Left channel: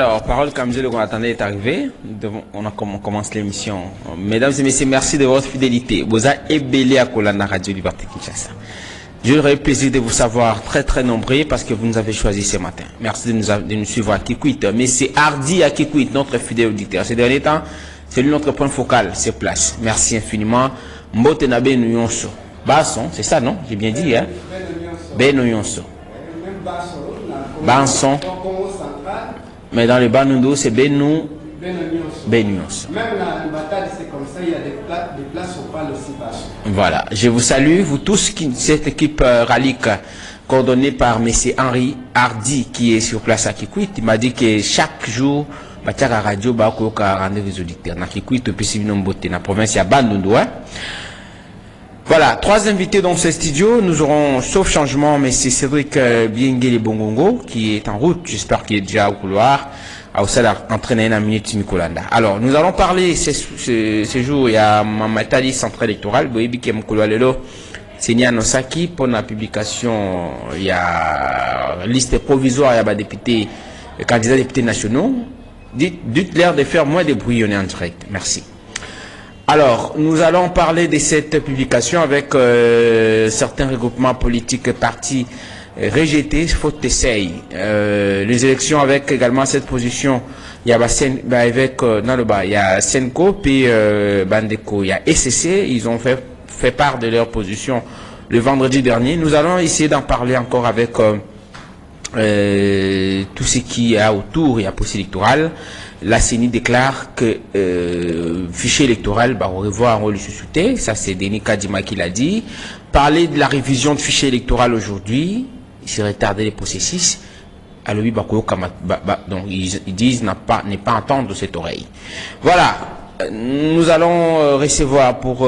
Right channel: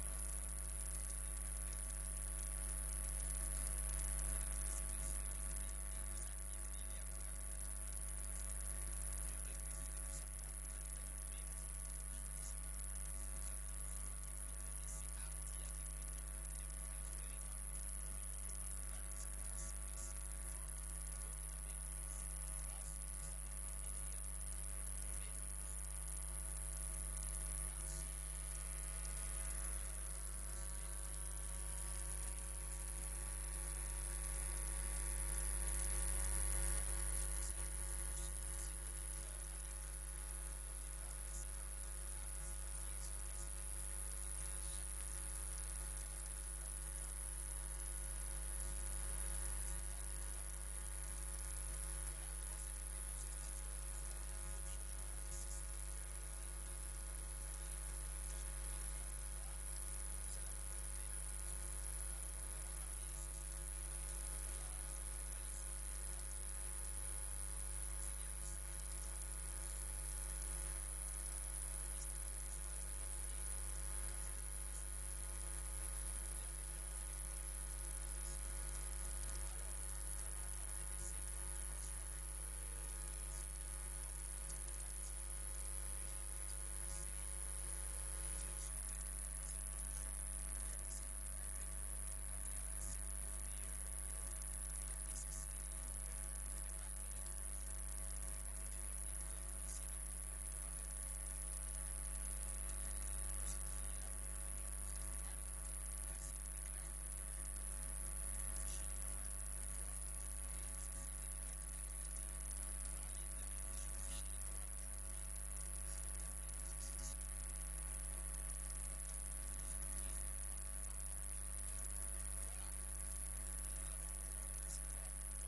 Alors, parole comme je le attendais est arrivée. On commence l'émission. Mesdames et messieurs, merci de votre fidélité. Vous avez ébélé à Kolana Radio Liberté Kinshasa. J'aurais plaisir de vous savoir très nombreux parce que vous nous avez choisi ce matin. Merci de nous suivre à Kikwit. Mais c'est Hardy à Kikwit, notre fidèle auditeur. Ces derniers temps, c'est lui notre point focal, ses places. Merci infiniment. Mbotenabe Nuyonso. Basson, c'est ça, non? J'ai bien dit, hein? Benuyonso. Banson. Mais dans le Banundo, c'est Benuyonso. Même la bataille, c'est comme ça, il y a des places au pas aussi Basson. Voilà. Je vous salue, vous tous, cette équipe Ralik, coordonnée par M. Henri Hardy, qui est sur place à Kikwit. Il m'a dit que chaque jour, Batiara Radio, Bakoka rendez-vous aux auditeurs. Dans Kikwit, au Pessibinombote, dans la province, il y a Banundo. Voilà, 3 invités dans ce studio. Nous aurons, sauf changement, mais c'est Cédric Biengele Bongongo qui est en route. J'espère qu'il est déjà au couloir. À Oussala, entraîné une minute Mikolanda. Alors, nous allons parler ce jour. Il y a Mamatali centre électoral. Boyebi qui est Mokolo c'est Nia Nosaki. Pour la publication, il y a liste provisoire. Il y a des députés, candidats députés nationaux. Dites-leur de faire moins de bruit. On est en direct. Merci. Alors, nous allons parler de cette publication avec certains regroupements politiques partis rejetés, faute d'essai. Les élections avec également cette position, il y a il y a Senko, puis Bandeko, il y a SCC, ils ont fait part de leur position le vendredi dernier. Nous allons essayer d'en parler encore avec tout ce qui est autour et à post-électoral. La CENI déclare que fichier électoral va revoir un rôle sous-souté. Ça, c'est Denis Kadima qui l'a dit. Parler de la révision de fichier électoral aujourd'hui, c'est retarder les processus. Alors, donc, ils disent n'est pas entendre cette oreille. Voilà. Nous allons recevoir pour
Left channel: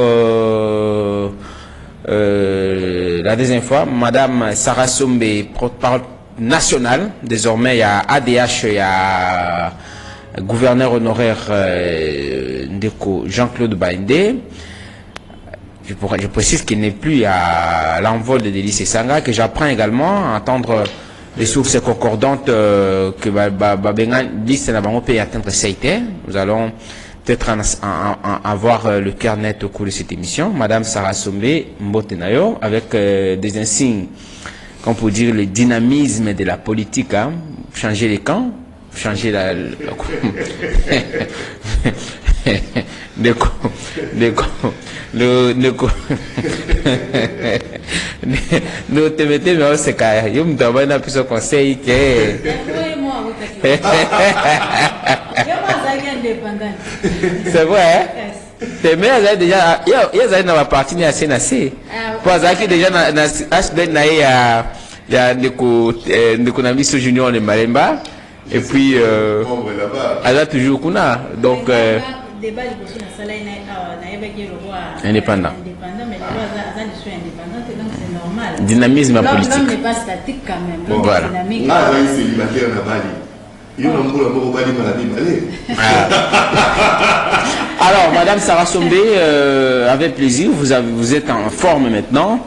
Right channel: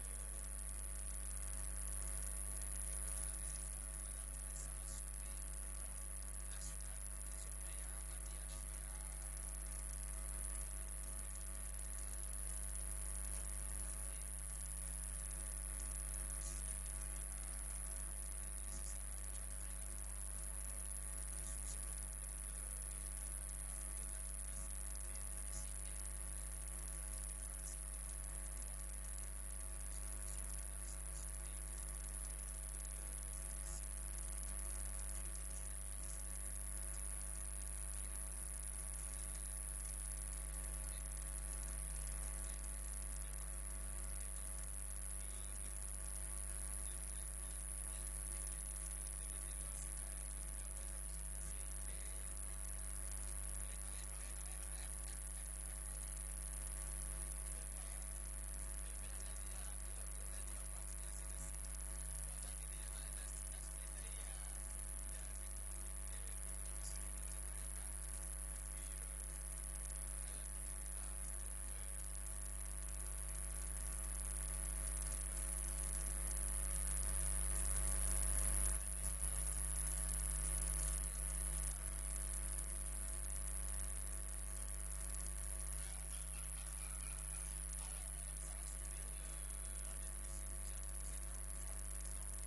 la deuxième fois Madame Sarah Sombe, porte-parole nationale. Désormais, il y a ADH, il y a gouverneur honoraire Ndeko Jean-Claude Baindé. Je précise qu'il n'est plus à l'envol de Délice Sanga, que j'apprends également à entendre les sources concordantes que Babenga dit que nous peut atteindre Seite. Nous allons peut-être avoir le cœur net au cours de cette émission. Madame Sarah Sombe Mbotenayo, avec des insignes, qu'on peut dire le dynamisme de la politique, hein, changer les camps. Changer la nous te mettez mais c'est carré yo me donne un petit conseil que c'est vrai t'es mais déjà il y a dans partie ni à CNC pour ça qui déjà na HDN na ya ndeko na miso junior de Malemba. Et puis, elle a toujours kuna. Donc, indépendant. Dynamisme politique. L'homme n'est pas statique quand même. Voilà. Alors, Madame Sarah Sombe, avec plaisir, vous êtes en forme maintenant.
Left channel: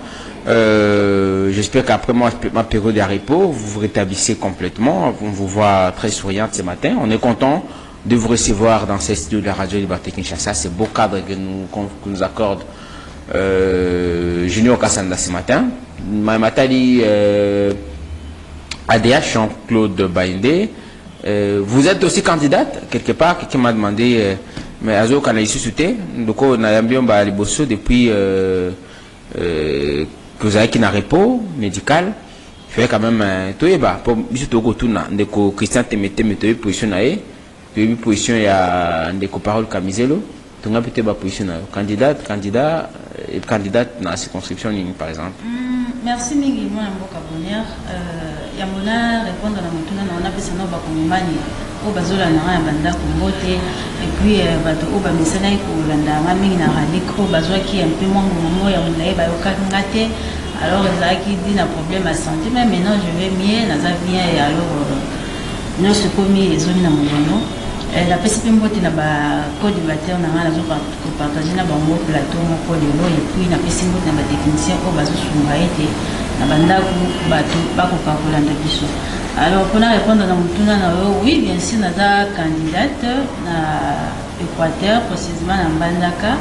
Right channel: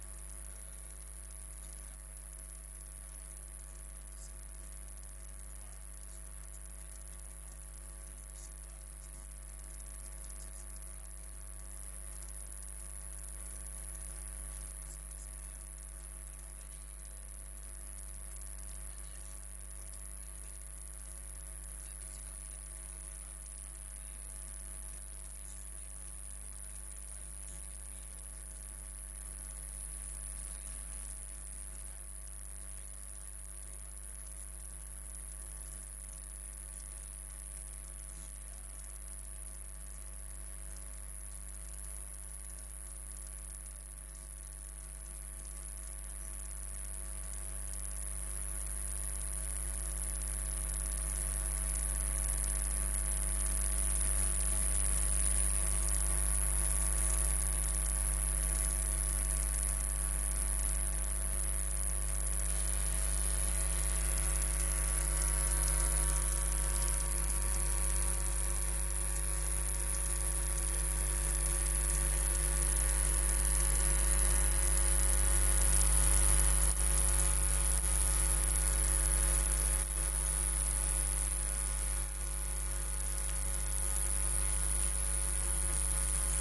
J'espère qu'après ma période de repos, vous vous rétablissez complètement. On vous voit très souriante ce matin. On est content de vous recevoir dans ce studio de la Radio Liberté Kinshasa. C'est beau cadre que nous accorde Junior Kassanda ce matin. Matali ADH, Jean-Claude Baindé. Vous êtes aussi candidate, quelque part. Quelqu'un m'a demandé, mais Azo, quand il suscité, donc on a bien depuis que vous avez qui n'a repos médical, je fais quand même tout est bas pour juste au tout na ndeko Christian Temete mette position nae puis position ya ndeko parole Kamizelo tout n'a peut-être pas position candidat et candidate dans la circonscription par exemple. Merci mingi moi mboka bonheur ya mona répondre na mutuna na on a besoin na ba komimani o bazola na ya banda kombote et puis bato o ba misana ko landa mingi na radiko bazwa ki un peu moins momo ya mona ba okangate alors ezaki dit na problème à santé mais maintenant je vais mieux na za bien et alors nous se commis les zones na mono la PCP mbote na ba co-débatteur na ngala zo partager na ba mo plateau mo ko lelo et puis na PCP mbote na ba technicien ko bazo sunga ete na bandako bato bako ka kolanda biso Alors, pour répondre à oui, bien sûr, nous sommes candidate à Équateur, précisément à Mbandaka.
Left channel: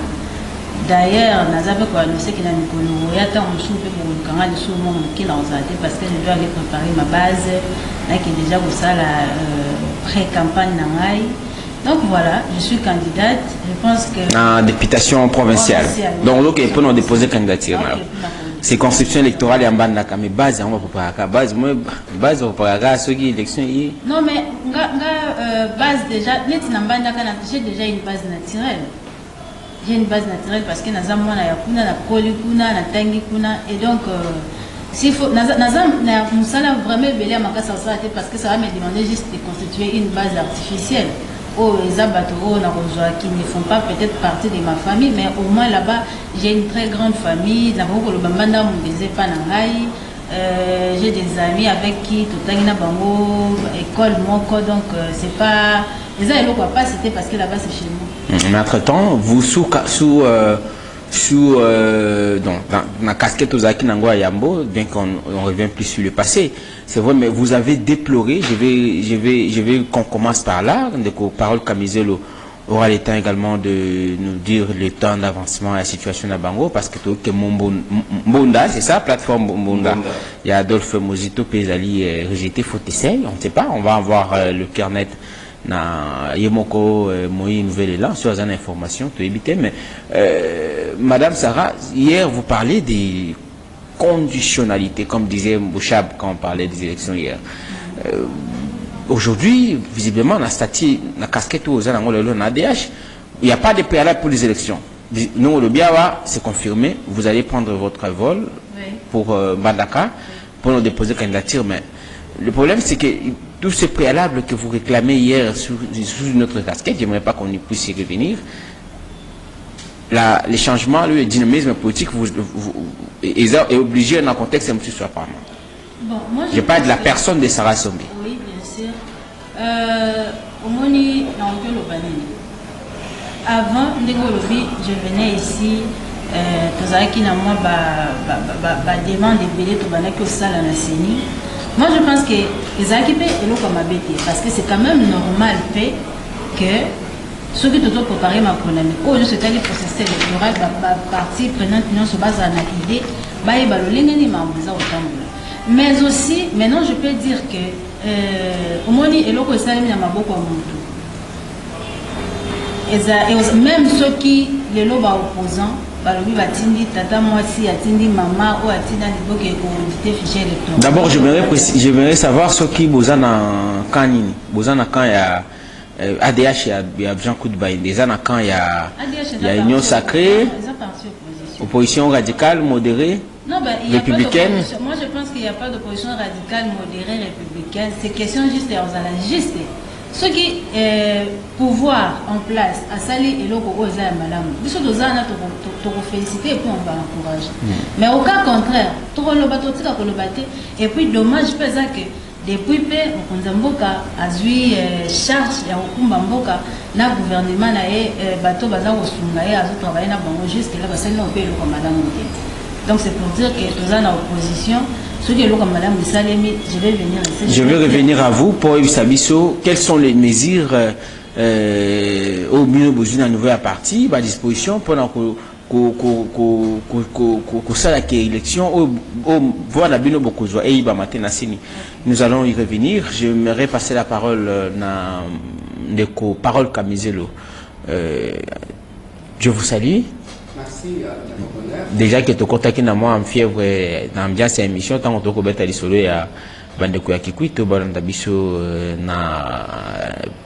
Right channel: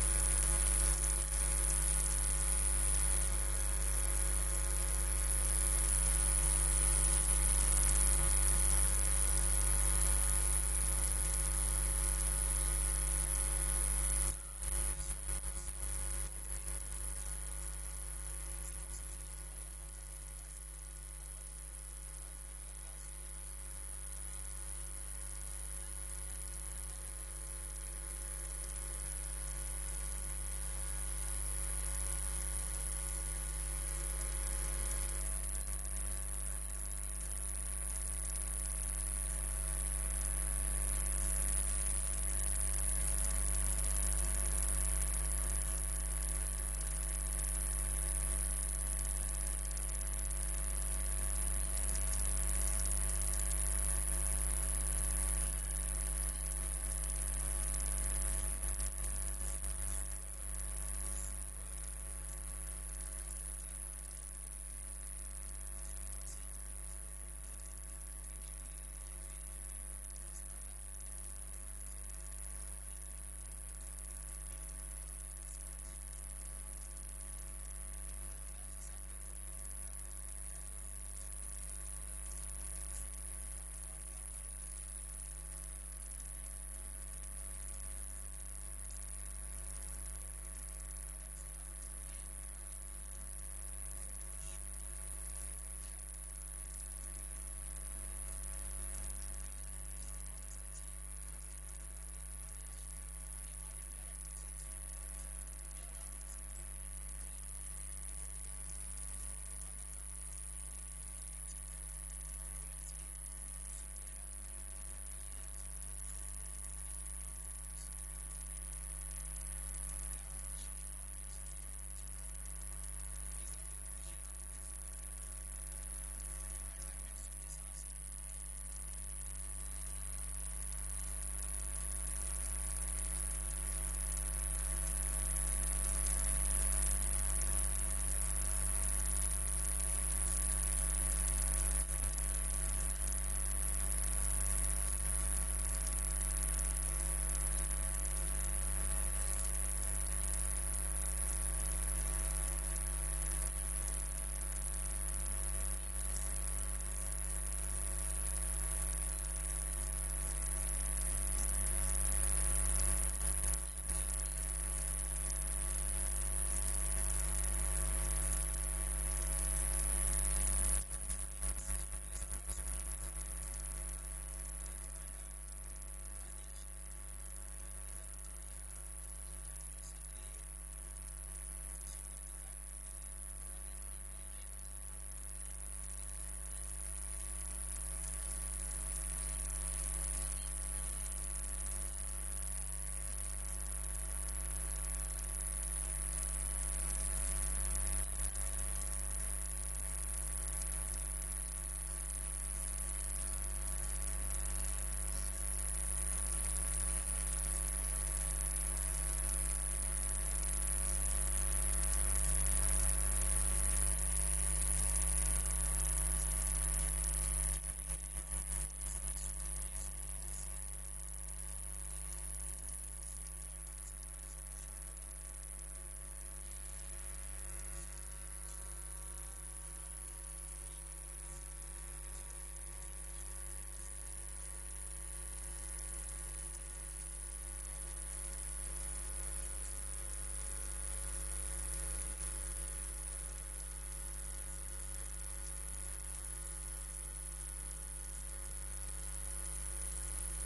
D'ailleurs, nous avons annoncé qu'il y a un Mikolo, il y a un soupe pour le canal de Soumon qui l'a osé parce que je dois aller préparer ma base, là qui est déjà pour ça la pré-campagne Nangaï. Donc voilà, je suis candidate. Je pense que. En députation provinciale. Donc, il peut nous déposer candidature. C'est constitution électorale et en bas de mais base, on va préparer la base. Moi, base, on va préparer ceux qui élection. Non, mais base déjà, j'ai déjà une base naturelle. J'ai une base naturelle parce que nous avons et donc, s'il faut, nous allons vraiment belé à ma casse parce que ça va me demander juste de constituer une base artificielle. Oh, les abattoirs qui ne font pas peut-être partie de ma famille, mais au moins là-bas, j'ai une très grande famille. J'ai des amis avec qui tout le temps école, donc c'est pas. Les gens ne pas citer parce que là-bas c'est chez nous. Mais entre-temps, vous dans la casquette aux Aki Nangwa Yambo, bien qu'on revient plus sur le passé, c'est vrai, mais vous avez déploré, je vais qu'on commence par là, de parole Kamizelo aura le temps également de nous dire le temps d'avancement à la situation à Bango, parce que tout que Mbonda, c'est ça, plateforme Mbonda. Il y a Adolphe Mozito, Pézali, rejeté, faut essayer, on ne sait pas, on va avoir le cœur net. Na Yemoko Moïse Nouvelle Élan sur une information tout éviter mais Madame Sarah, hier vous parlez des conditionnalités comme disait Bouchab quand on parlait des élections hier. Aujourd'hui visiblement la statut la casquette aux ADH il n'y a pas de préalable pour les élections. Nous le Biawa c'est confirmé, vous allez prendre votre vol pour Bandaka pour nous déposer candidature, mais le problème c'est que tous ces préalables que vous réclamez hier sous notre casquette, j'aimerais pas qu'on y puisse y revenir. Les changements, le dynamisme politique est obligé dans un contexte un petit peu apparemment. Bon, je parle de la personne de Sarah Sombi. Oui, bien sûr. Au Moni, avant, je venais ici, qui n'a moi demande de payer tout le salle à la CENI. Moi, je pense que les équipés et l'eau comme habité, parce que c'est quand même normal que ceux qui doivent préparer ma économie, au lieu de se faire le processus électoral, partie prenante, non, se base en idée, mais aussi, maintenant, je peux dire que au moins, et l'eau que ça, il y a beaucoup de même ceux qui, les lots opposants, d'abord, j'aimerais savoir ce qui vous en a quand il y a ADH, il y a Jean Koudbaï, des ans quand il y a Union Sacrée, opposition radicale, modérée, républicaine. Moi, je pense qu'il n'y a pas d'opposition radicale, modérée, républicaine. C'est question juste aux analistes. Ce qui est pouvoir en place à Sali et l'autre aux Madame, nous sommes féliciter et puis on va encourager. Mais au cas contraire, et puis dommage que depuis que Mboka a eu charge à Mboka, le gouvernement a bateau bazar au Sungaye a travaillé dans Bango jusqu'à là, parce que nous payons comme Madame. Donc c'est pour dire que tous en opposition. Je vais venir ici. Je vais revenir à vous pour Sabiso. Quelles sont les mesures au milieu de la nouvelle partie à disposition pendant que ça l'élection voir la bino beaucoup et nous allons y revenir. J'aimerais passer la parole à parole Kamizelo. Je vous salue. Merci. Déjà que tu contactes moi en fièvre dans l'ambiance émission tant que tu as solo ya bandeko ya Kikwito balanda biso na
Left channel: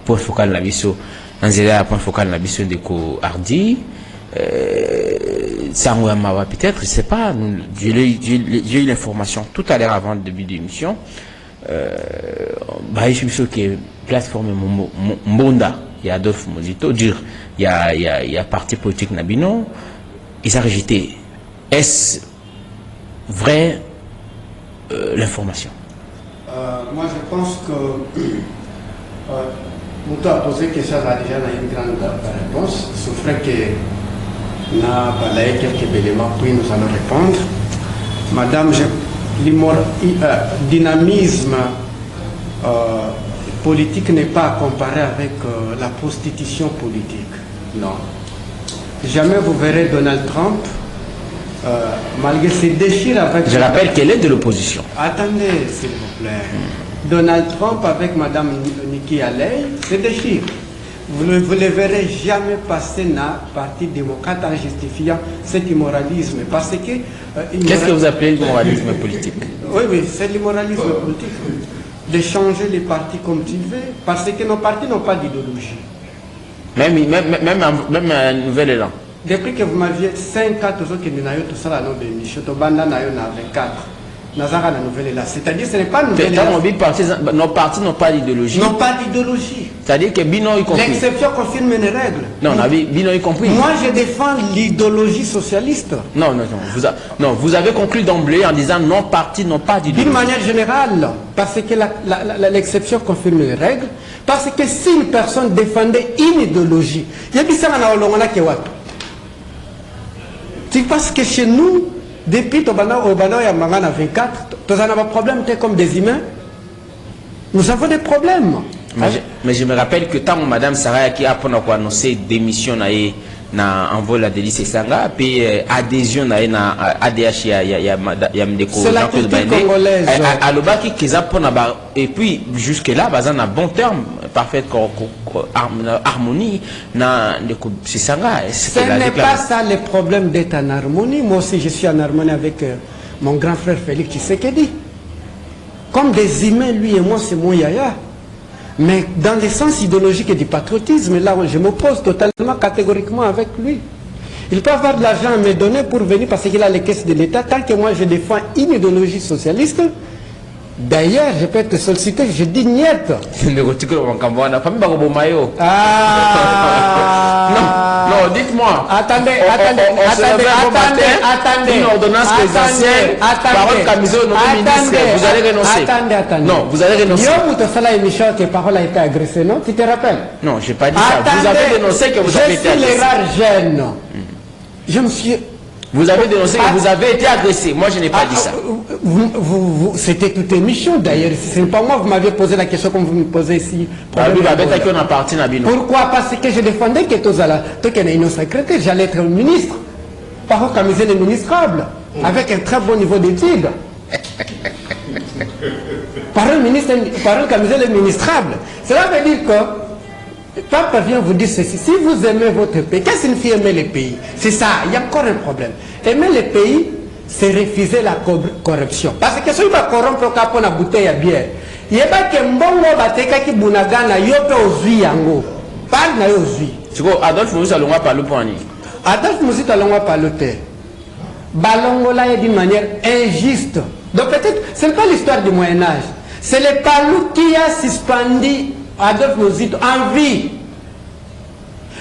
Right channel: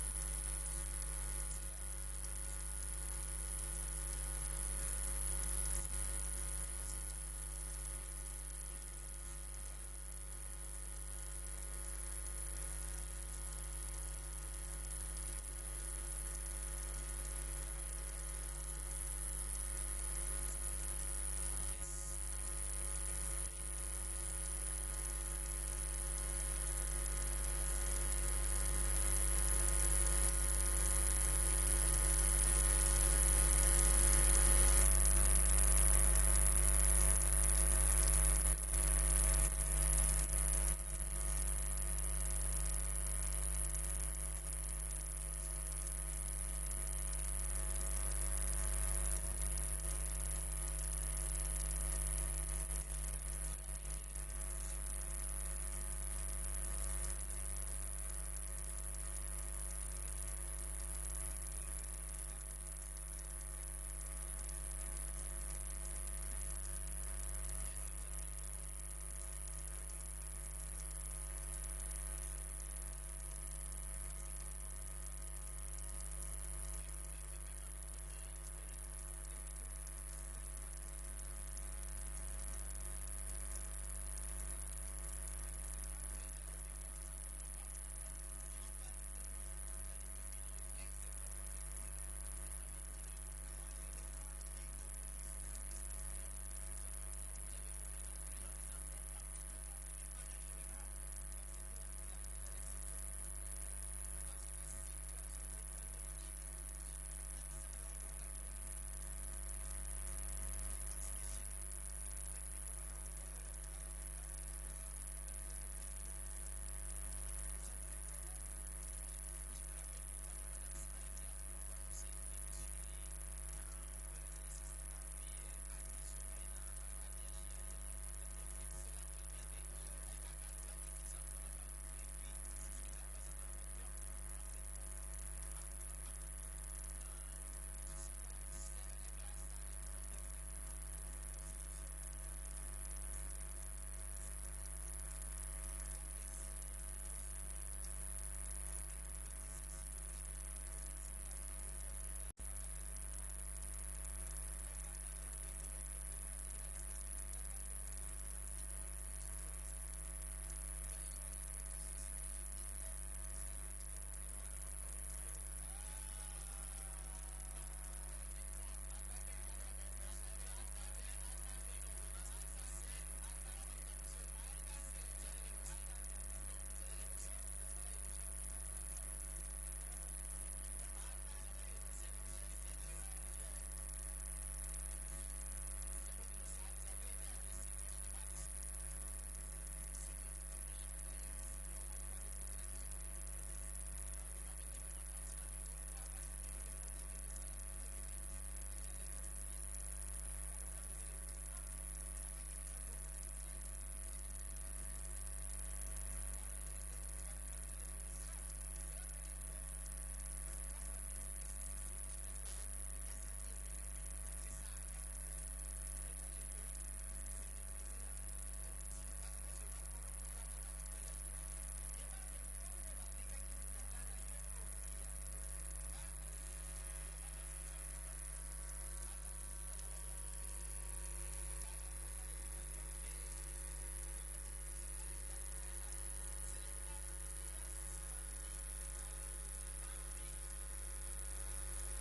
point focal na biso nzela point focal na biso ndeko Hardi sango ya mawa peut-être je sais pas j'ai eu l'information tout à l'heure avant le début de l'émission bah je suis que plateforme Mbonda il y a Adolphe Mozito dire il y a parti politique Nabino ils ont rejeté. Est-ce vrai l'information? Moi, je pense que Moutou a posé question déjà une grande réponse. Il faudrait que nous avons quelques éléments, puis nous allons répondre. Madame, dynamisme politique n'est pas à comparer avec la prostitution politique. Non. Jamais vous verrez Donald Trump, malgré ses déchires avec... Je rappelle qu'elle est de l'opposition. Attendez, s'il vous plaît. Donald Trump avec Madame Nikki Haley se déchire. Vous ne les verrez jamais passer dans le Parti démocrate en justifiant cet immoralisme. Parce que... Qu'est-ce que vous appelez l'immoralisme politique? Oui, c'est l'immoralisme politique. De changer les partis comme tu veux. Parce que nos partis n'ont pas d'idéologie. Même un nouvel élan. Depuis que vous m'aviez 5 autres qui n'ont tout ça, dans l'émission, tu as 24. C'est-à-dire que ce n'est pas une nouvelle élan. Nos partis n'ont pas d'idéologie. N'ont pas d'idéologie. C'est-à-dire que Bino y compris. L'exception confirme les règles. Non, Bino y compris. Moi, je défends l'idéologie socialiste. Non. Vous avez conclu d'emblée en disant nos partis n'ont pas d'idéologie. D'une manière générale, parce que l'exception confirme les règles. Parce que si une personne défendait une idéologie, il y a des gens qui ont tu penses que chez nous, depuis Tobana Obano et Mangana 24, nous avons des problèmes comme des humains. Nous avons des problèmes. Mais je me rappelle que tant Madame Sarah qui a annoncé démission na envol la délice Sanga, puis adhésion na ADH ya Mdeko. C'est la culture congolaise. Alobaki et puis jusque là, bazan a bon terme, parfaite harmonie na Mdeko Sanga. Ce n'est pas ça le problème d'être en harmonie. Moi aussi, je suis en harmonie avec mon grand frère Félix Tshisekedi. Comme des humains, lui et moi, c'est mon yaya. Mais dans le sens idéologique et du patriotisme, là, je m'oppose totalement, catégoriquement avec lui. Il peut avoir de l'argent à me donner pour venir parce qu'il a les caisses de l'État. Tant que moi, je défends une idéologie socialiste, d'ailleurs, je peux être sollicité, je dis niet. Non, dites-moi. Attendez. Une ordonnance présidentielle, parole Camiso, nommé ministre, vous allez renoncer. Attendez. Non, vous allez renoncer. Émission que parole a été agressée, non? Tu te rappelles? Non, je n'ai pas dit ça. Vous avez dénoncé que vous avez été agressé. Je suis les rares jeunes. Je me suis... Vous avez dénoncé que vous avez été agressé. Moi, je n'ai pas dit ça. C'était toute émission d'ailleurs. Ce n'est pas moi, vous m'avez posé la question comme vous me posez ici. Pourquoi? Parce que je défendais que toi qui es une secrétaire, j'allais être ministre. Par contre, comme le ministrable, avec un très bon niveau d'études. Parole comme le ministrable. Cela veut dire que Papa vient vous dire ceci, si vous aimez votre pays, qu'est-ce que signifie aimer le pays? C'est ça, il y a encore un problème. Aimer le pays, c'est refuser la corruption. Parce que si vous corrompre pour la bouteille à bière, il y a pas que mbongo bateka ki bunagana yope ozui yango. Parle na ozui. C'est quoi Adolphe Moussa Alonga parle pour ani? Adolphe Moussa Alonga parle te. Balongola est d'une manière injuste. Donc peut-être, ce n'est pas l'histoire du Moyen-Âge. C'est le Palou qui a suspendu Adolphe Moussa en vie.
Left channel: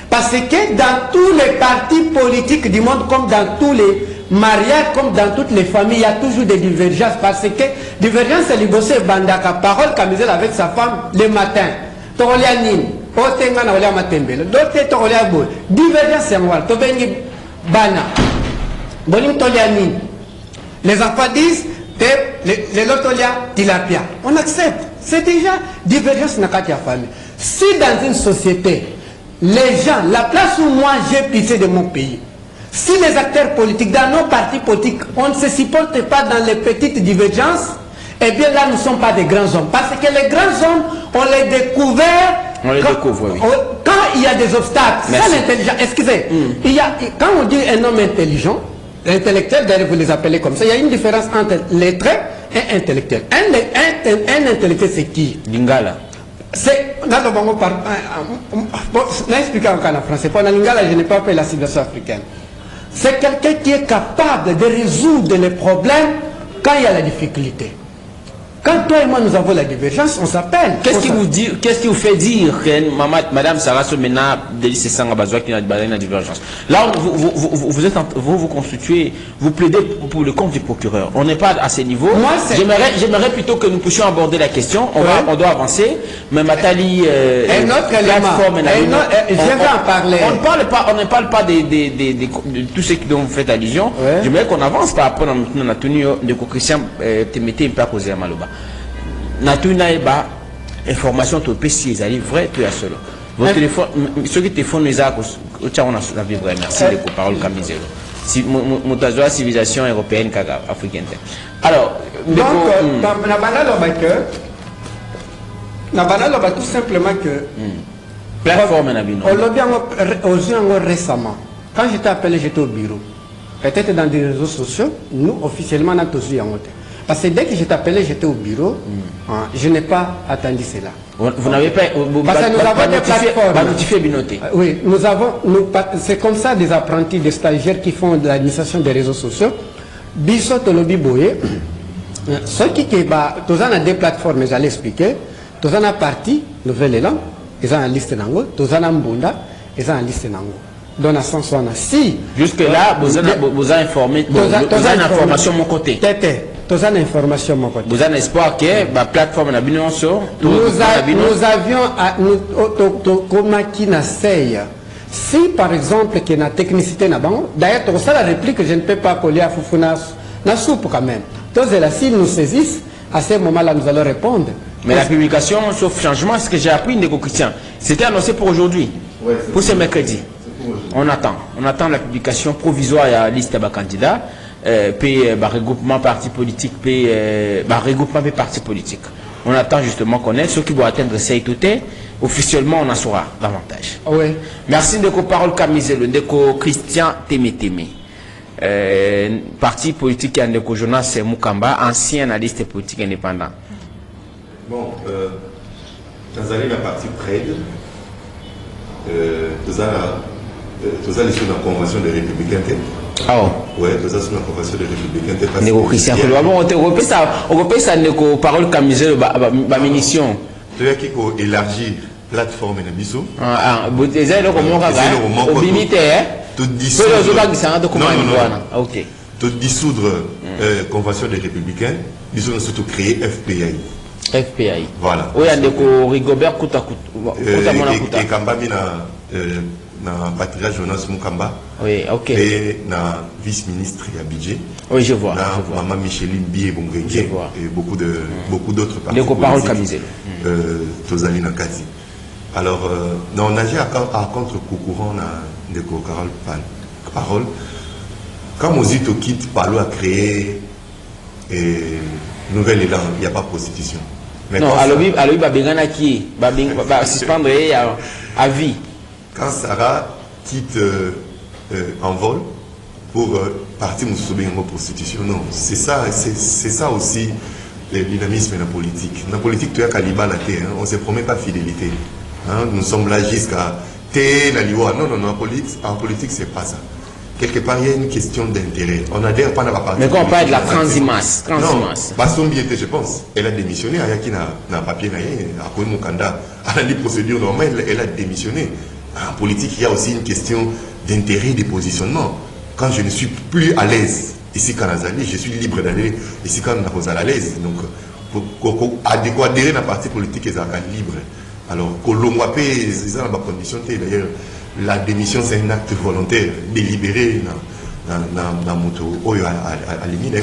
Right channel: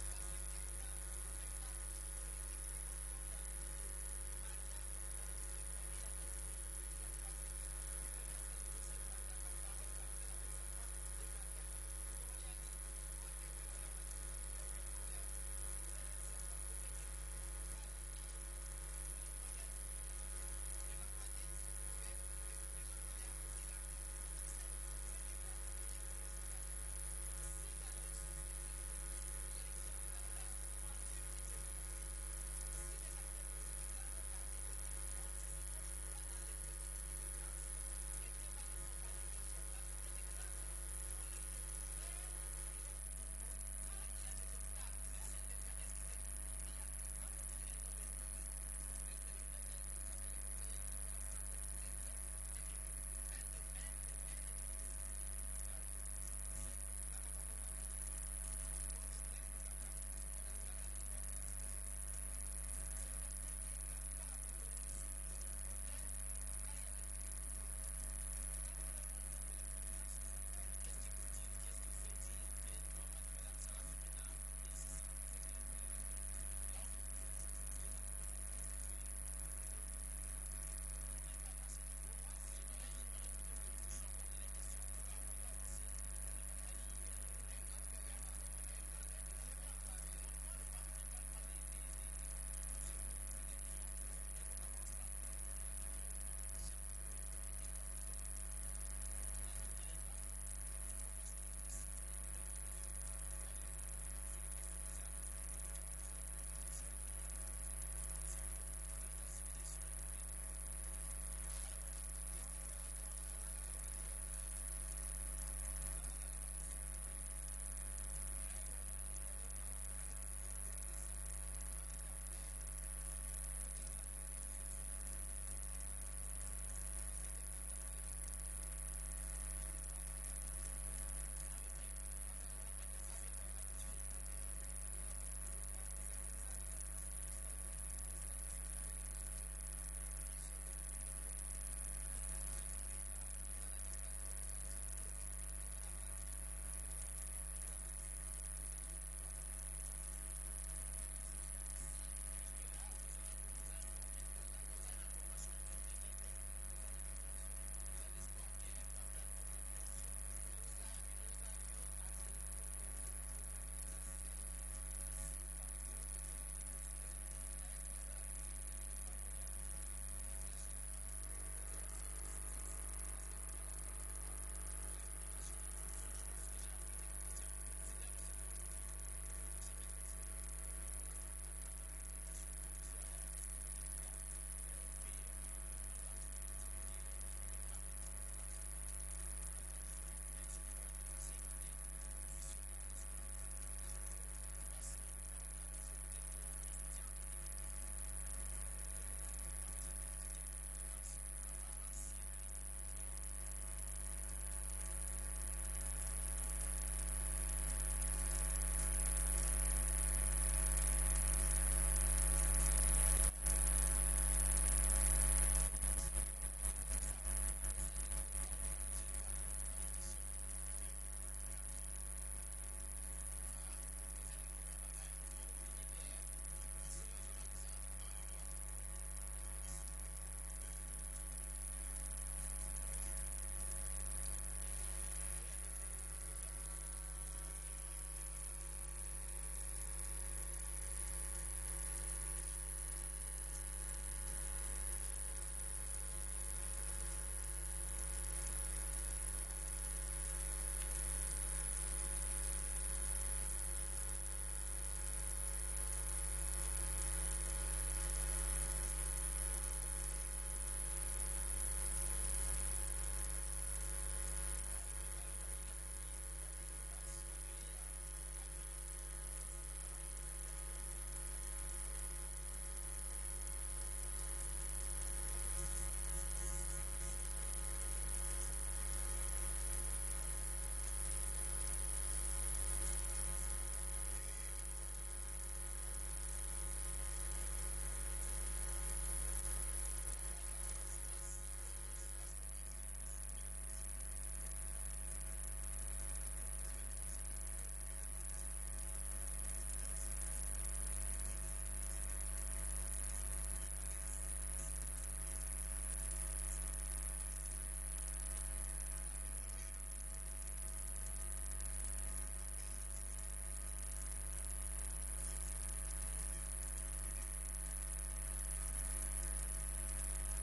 Parce que dans tous les partis politiques du monde, comme dans tous les mariages, comme dans toutes les familles, il y a toujours des divergences. Parce que divergence, c'est l'ibosé bandaka, parole camiselle avec sa femme le matin. Torolianine, Otenga na matembele, d'autres Toroliabo. Divergence, c'est moi. Tobengi bana. Bonim Tolianine. Les enfants disent, les lotolia tilapia. On accepte. C'est déjà divergence dans la famille. Si dans une société, les gens, la place où moi j'ai pissé de mon pays, si les acteurs politiques, dans nos partis politiques, on ne se supporte pas dans les petites divergences, eh bien là nous ne sommes pas des grands hommes. Parce que les grands hommes, on les découvre. On les découvre, oui. Quand il y a des obstacles, c'est l'intelligence. Excusez, quand on dit un homme intelligent, intellectuel, d'ailleurs vous les appelez comme ça, il y a une différence entre lettré et intellectuel. Un intellectuel, c'est qui? Lingala. C'est... N'expliquez encore en français. Pour la Lingala, je n'ai pas fait la civilisation africaine. C'est quelqu'un qui est capable de résoudre les problèmes quand il y a la difficulté. Quand toi et moi nous avons la divergence, on s'appelle. Qu'est-ce qui vous fait dire que Madame Sarah Somena Délice Sanga Bazoua qui n'a pas la divergence? Là, vous constituez, vous plaidez pour le compte du procureur. On n'est pas à ce niveau. J'aimerais plutôt que nous puissions aborder la question. On doit avancer. Mais Matali, un autre élément. Je vais en parler. On ne parle pas de tout ce dont vous faites allusion. J'aimerais qu'on avance par rapport à notre tenue de Christian Temete et pas causé à Maloba. Natuna eba information to PC ils allaient vrai tout à cela. Votre téléphone ceux qui téléphone les a au tchao on a vivre merci de parole Kamizelo. Si mutazoa civilisation européenne kaga africaine. Alors donc na banalo tout simplement que plateforme na bino. Récemment quand j'étais appelé j'étais au bureau. Peut-être dans des réseaux sociaux, nous officiellement on a tous eu en hôtel. Parce que dès que j'étais appelé, j'étais au bureau, je n'ai pas attendu cela. Vous n'avez pas... Parce que nous avons des plateformes. Oui, c'est comme ça des apprentis, des stagiaires qui font de l'administration des réseaux sociaux. Biso Tolobi Boye, ceux qui ont des plateformes, j'allais expliquer, tous en a parti, Nouvelle Élan, ils ont une liste d'ango, tous en a Mbunda, ils ont une liste d'ango. Dans la sens où on a si. Jusque-là, vous avez informé, vous avez une information de mon côté. Vous avez une information de mon côté. Vous avez espoir que la plateforme n'a bien sur. Nous avions, si par exemple, qu'il y a une technicité là-bas, d'ailleurs, c'est ça la réplique que je ne peux pas coller à Fufuna, na soupe quand même. Donc, s'ils nous saisissent, à ce moment-là, nous allons répondre. Mais la publication, sauf changement, ce que j'ai appris, Ndeko Christian, c'était annoncé pour aujourd'hui, pour ce mercredi. On attend la publication provisoire à la liste des candidats, puis regroupement parti politique, puis regroupement des partis politiques. On attend justement qu'on ait ceux qui vont atteindre ces toutés. Officiellement, on en saura davantage. Oui. Merci de parole Kamizelo, Ndeko Christian Témétémé. Parti politique qui a Ndeko Jonas Mukamba, ancien analyste politique indépendant. Bon, Tanzanie, la partie PRED, tous allés sur la convention des républicains. Ah oui, tous allés sur la convention des républicains. Ndeko Christian, on repère ça, Ndeko parole Kamizelo, ma munition. Tu as qui élargir plateforme et biso. Les ailes au limite, tout dissoudre convention des républicains, ils ont surtout créé FPI. FPI. Voilà. Oui, il y a Rigobert Kouta et Kambami na Patricia Jonas Mukamba. Oui, ok. Et na vice-ministre et budget. Oui, je vois. Maman Micheline Bié Bongenge et beaucoup d'autres partis. Les parole Kamizelo. Tozali Nakati. Alors, on a agit à contre-courant de Carole Parole. Quand Mozito quitte, Palo a créé Nouvelle Élan, il n'y a pas de prostitution. Mais non, alors il va suspendre à vie. Quand Sarah quitte en vol pour partir en prostitution, non, c'est ça aussi le dynamisme de la politique. Dans la politique, tu as Kaliba la terre, on ne se promet pas fidélité. Hein, nous sommes là jusqu'à la loi. Non, en politique, c'est pas ça. Quelque part, il y a une question d'intérêt. On adhère pas à la partie. Mais quand on parle de la transhumance, non, Basson Biété, je pense, elle a démissionné. Il y a un papier, à quoi mon candidat, à la procédure normale, elle a démissionné. En politique, il y a aussi une question d'intérêt et de positionnement. Quand je ne suis plus à l'aise ici quand Azali, je suis libre d'aller ici quand on est à l'aise. Donc, pour adhérer à la partie politique, ils sont libres. Alors, Colomboapé, c'est dans ma condition. D'ailleurs, la démission, c'est un acte volontaire, délibéré dans moto. À limite,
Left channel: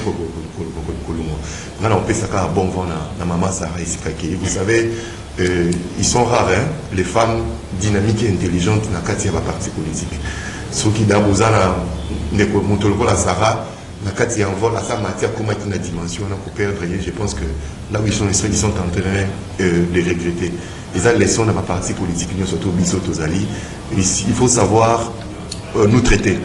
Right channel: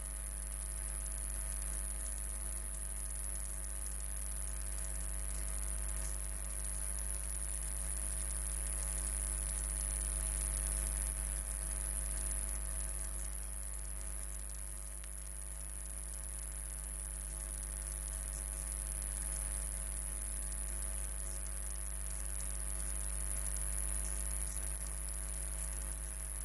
on peut ça bon vent dans maman Sarah ici. Vous savez, ils sont rares, hein, les femmes dynamiques et intelligentes dans la partie politique. Ceux qui dans la Sarah, la envol à sa matière, comment est une dimension pour perdre. Je pense que là où ils sont en train de regretter. Les leçons dans ma partie politique, surtout Bisso Tozali, il faut savoir nous traiter.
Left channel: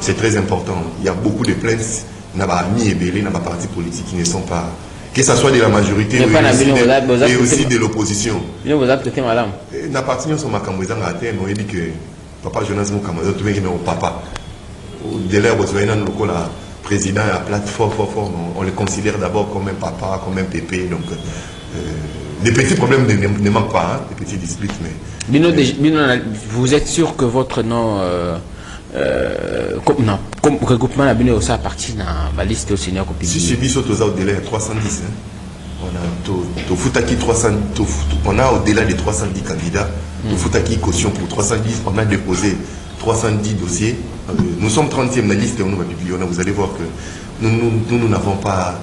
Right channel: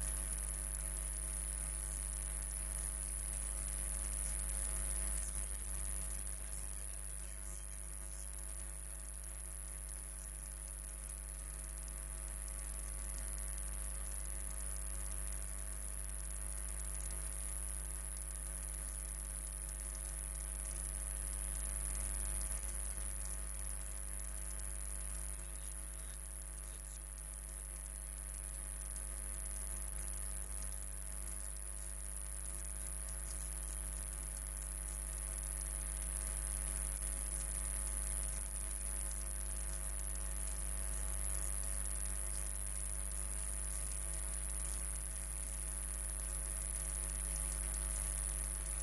C'est très important. Il y a beaucoup de plaintes, n'a pas mis et belé dans ma partie politique qui ne sont pas, que ce soit de la majorité et aussi de l'opposition. Vous avez traité madame. La partie nous sommes à Cambodge, on a dit que papa Jonas Mukamba, tu es papa. De l'air, vous avez un local président à plateforme, on le considère d'abord comme un papa, comme un pépé. Donc, des petits problèmes ne manquent pas, hein, des petites disputes. Mais vous êtes sûr que votre nom, comme regroupement la Bino ça appartient à la liste au Seigneur Copi? Si c'est Bisso Toza au-delà de 310, on a au-delà de 310 candidats. Au Futaki caution pour 310, on a déposé 310 dossiers. Nous sommes 30e de la liste et on va publier. Vous allez voir que nous n'avons pas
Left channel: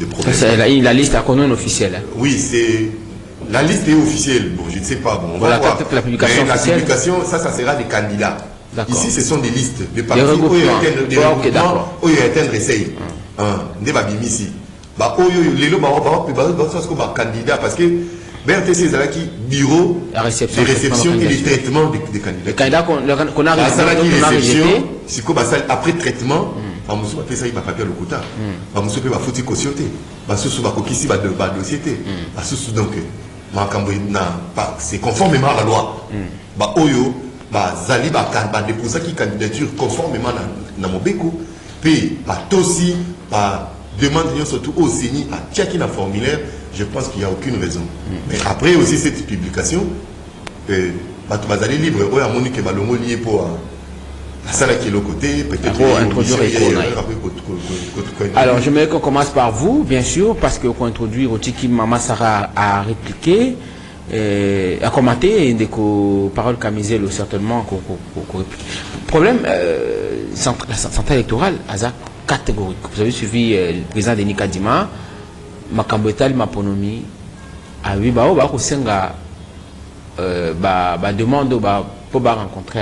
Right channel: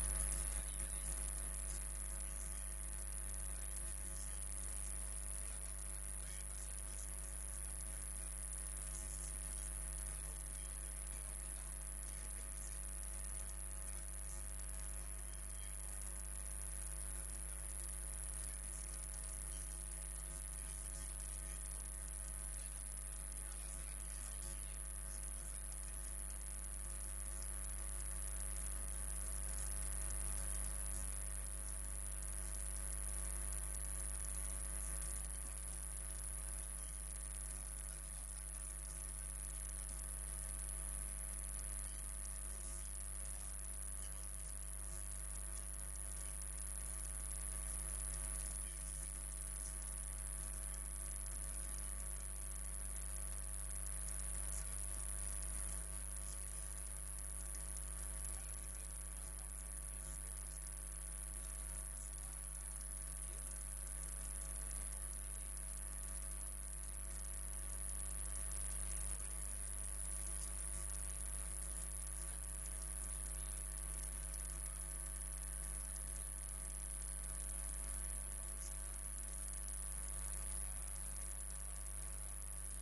de problème. La liste a connu officielle. Oui, La liste est officielle. Bon, je ne sais pas. Bon, on voilà, va voir. la publication mais la officielle. publication, ça sera des candidats. Ici, ce sont des listes de partis. Des regroupements. Des regroupements. Où il y a un essai. Des babimisi. Bah, les lots, bah, candidat parce que BRTC, c'est qui bureau de réception et de traitement des candidats. Les candidats qu'on a réception, après traitement, on va faire ça, il va papier le quota. On va faire foutu cautionné. On va faire dossier. Donc, c'est conformément à la loi. Bah, oyo, bah, zali, bah, déposer qui candidature conformément à mon béco. Puis, bah, aussi, bah, demande surtout au CENI à checker un formulaire. Je pense qu'il n'y a aucune raison. Mais après aussi cette publication, bah, tu vas aller libre. Oui, à mon que bah, le mot lié pour la salle qui est l'autre côté, peut-être introduire. Alors, je voudrais qu'on commence par vous, bien sûr, parce qu'on introduit au Tiki Mama Sarah à répliquer, à commenter, et des paroles camisées, certainement, qu'on réplique. Problème, la centrale électorale, hasard catégorique. Vous avez suivi le président Denis Kadima, Makamboetal, Maponomi, à lui, bah, au Senga, demande, pour rencontrer,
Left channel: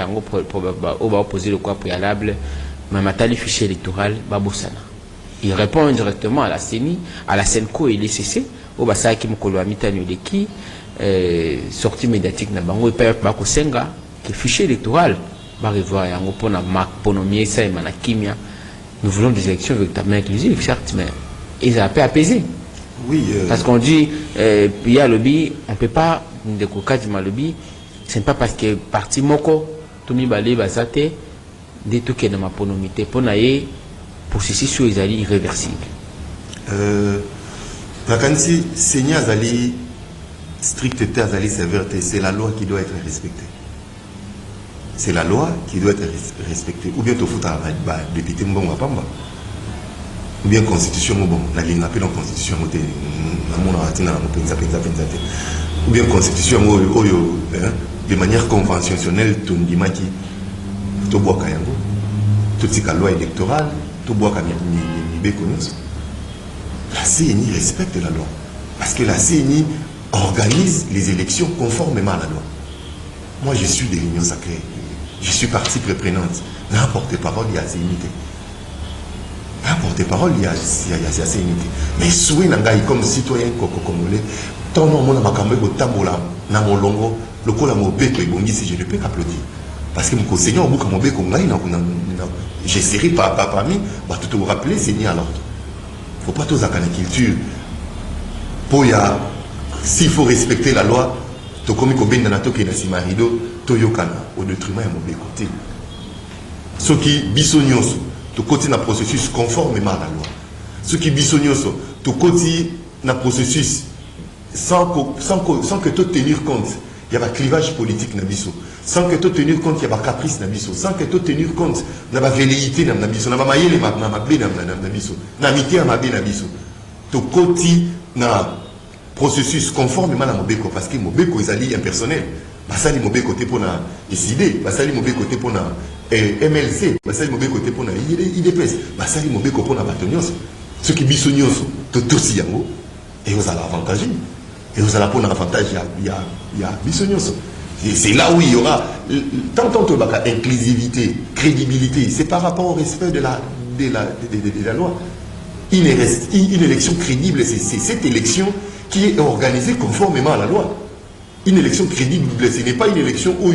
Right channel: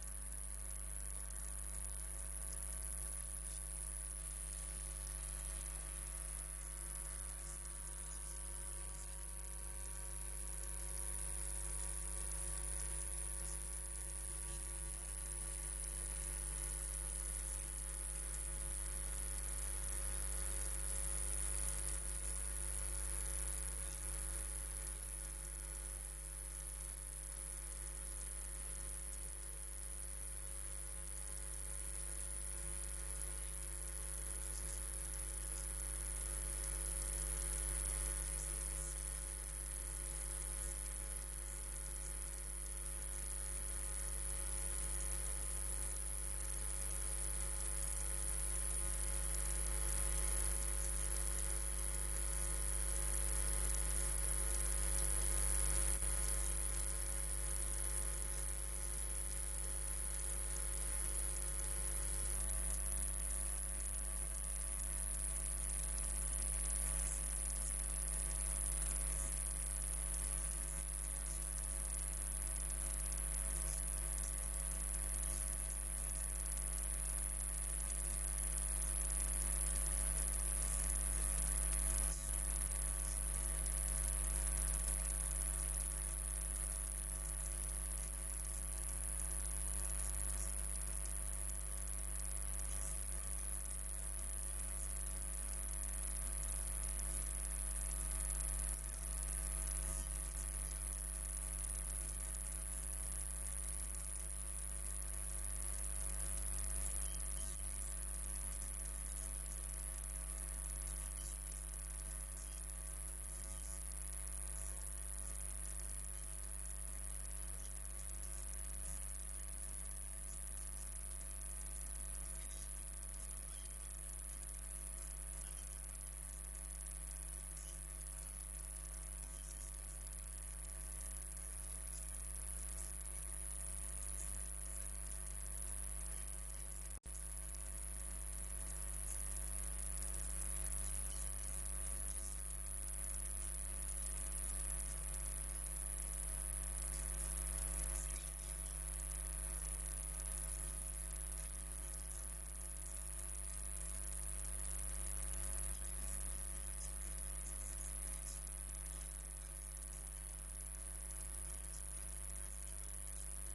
pour poser le quoi préalable, Mamatali fichier électoral, Babosana. Il répond indirectement à la CENI, à la SENCO et l'ECC, au Basa qui m'a qui sortie médiatique na bango et pas Bako Senga, qui fichier électoral, va revoir et en gros pour Maponomi, ça et Manakimia. Nous voulons des élections véritablement inclusives, certes, mais ils ont un peu apaisé. Oui. Parce qu'on dit, il y a le lobby, on ne peut pas, de coca du lobby, ce n'est pas parce que parti moko, tout le monde bazate, des trucs qui sont dans ma ponomité, pour naïe, processus sur les alliés irréversibles. Vacancy, Seigneur Azali, stricteté Azali sévérité, c'est la loi qui doit être respectée. C'est la loi qui doit être respectée. Ou bien tu fous ta député Mbongo Pamba. Ou bien constitution bon, la ligne appelle en constitution ou bien constitution de manière conventionnelle tout dimaki to boka yango toute la loi électorale to boka mi la CENI respecte la loi parce que la CENI organise les élections conformément à la loi. Moi je suis de l'Union sacrée, je suis partie préprenante, n'importe parole il y a CENI. Un porte-parole, il y a assez unité. Mais souhait comme citoyen congolais, tant non mon amakambe au tambola, na mon longo, le col à mon bec et bon si je ne peux qu'applaudir. Parce que mon conseiller au bout à mon bec on gagne, j'essaierai parmi, bah tout vous rappeler, Seigneur à l'ordre. Faut pas tous à la culture. Pour ya, s'il faut respecter la loi, to comme ko ben na to ke na simarido, to yokana au détriment à mon bec côté. Ce qui bisognos tu continues le processus conformément à la loi. Ce qui bisognos, tu continues le processus sans que tu tenir compte. Il y a un clivage politique dans biso. Sans que tu tenir compte, il y a un caprice dans biso. Sans que tu tenir compte, il y a une velléité dans biso. Il y a une biso. Il y a une biso. Tu continues le processus conformément à la mobeko. Parce que mobeko est impersonnel. Basali mobeko côté pour la SID. Basali mobeko côté pour la MLC, basali mauvais côté pour la IDPS, basali mauvais côté pour la Batonios. Ceux qui bisognos, tout aussi yango, et vous allez avantager. Et vous allez prendre avantage, il y a bisognos. C'est là où il y aura, tant inclusivité, crédibilité, c'est par rapport au respect de la loi. Une élection crédible, c'est cette élection qui est organisée conformément à la loi. Une élection crédible, ce n'est pas une élection où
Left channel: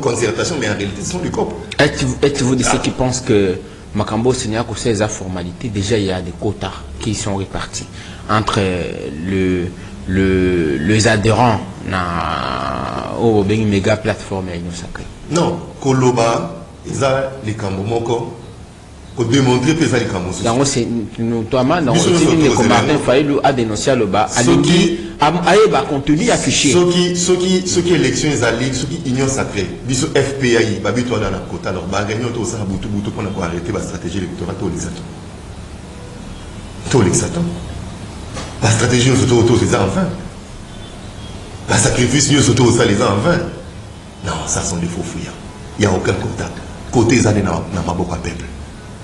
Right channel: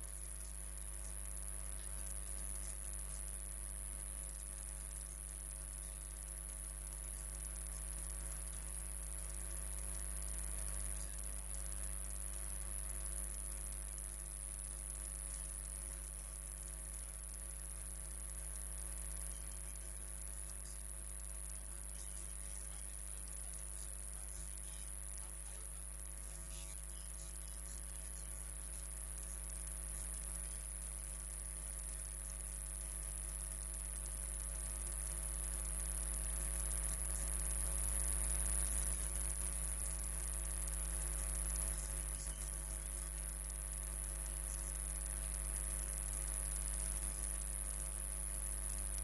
concertation, mais en réalité, ce sont des copes. Êtes-vous de ceux qui pensent que Makambo Seigneur a ces formalités? Déjà, il y a des quotas qui sont répartis entre les adhérents aux méga plateformes et l'Union sacrée. Non, Koloba, ils ont les Kambomoko. Pour démontrer que ça les Kambomoko. Donc, c'est notamment dans le Martin Faïlou a dénoncé le bas. A contenu affiché. Ceux qui élection ils allaient, ceux qui union sacrée, biso FPI, babi toi dans la quota, alors bah réunion tout ça boutou pour arrêter la stratégie électorale tout l'exatant. La stratégie nous auto c'est ça enfin. La sacrifice nous auto ça les en vain. Non, ça sont des faux fouillards. Il n'y a aucun contact. Côté ça n'a pas beaucoup de peuple.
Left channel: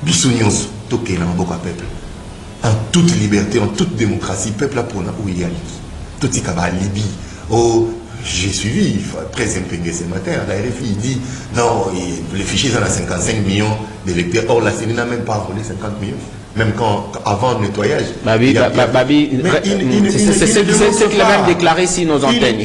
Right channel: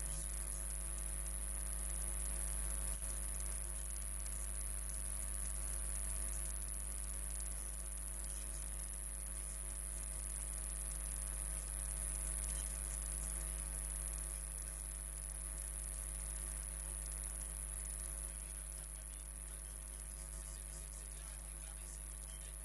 Biso nyonso toke na beaucoup de peuple. en toute liberté, en toute démocratie, peuple a pour où il y a tout ce qui est Libye. Oh, j'ai suivi, presse imprimée ce matin, la RFI il dit non, les fichiers sont à 55 millions d'électeurs. Or, la CENI n'a même pas volé 50 millions. Même avant le nettoyage. C'est qu'il a même déclaré ici nos antennes.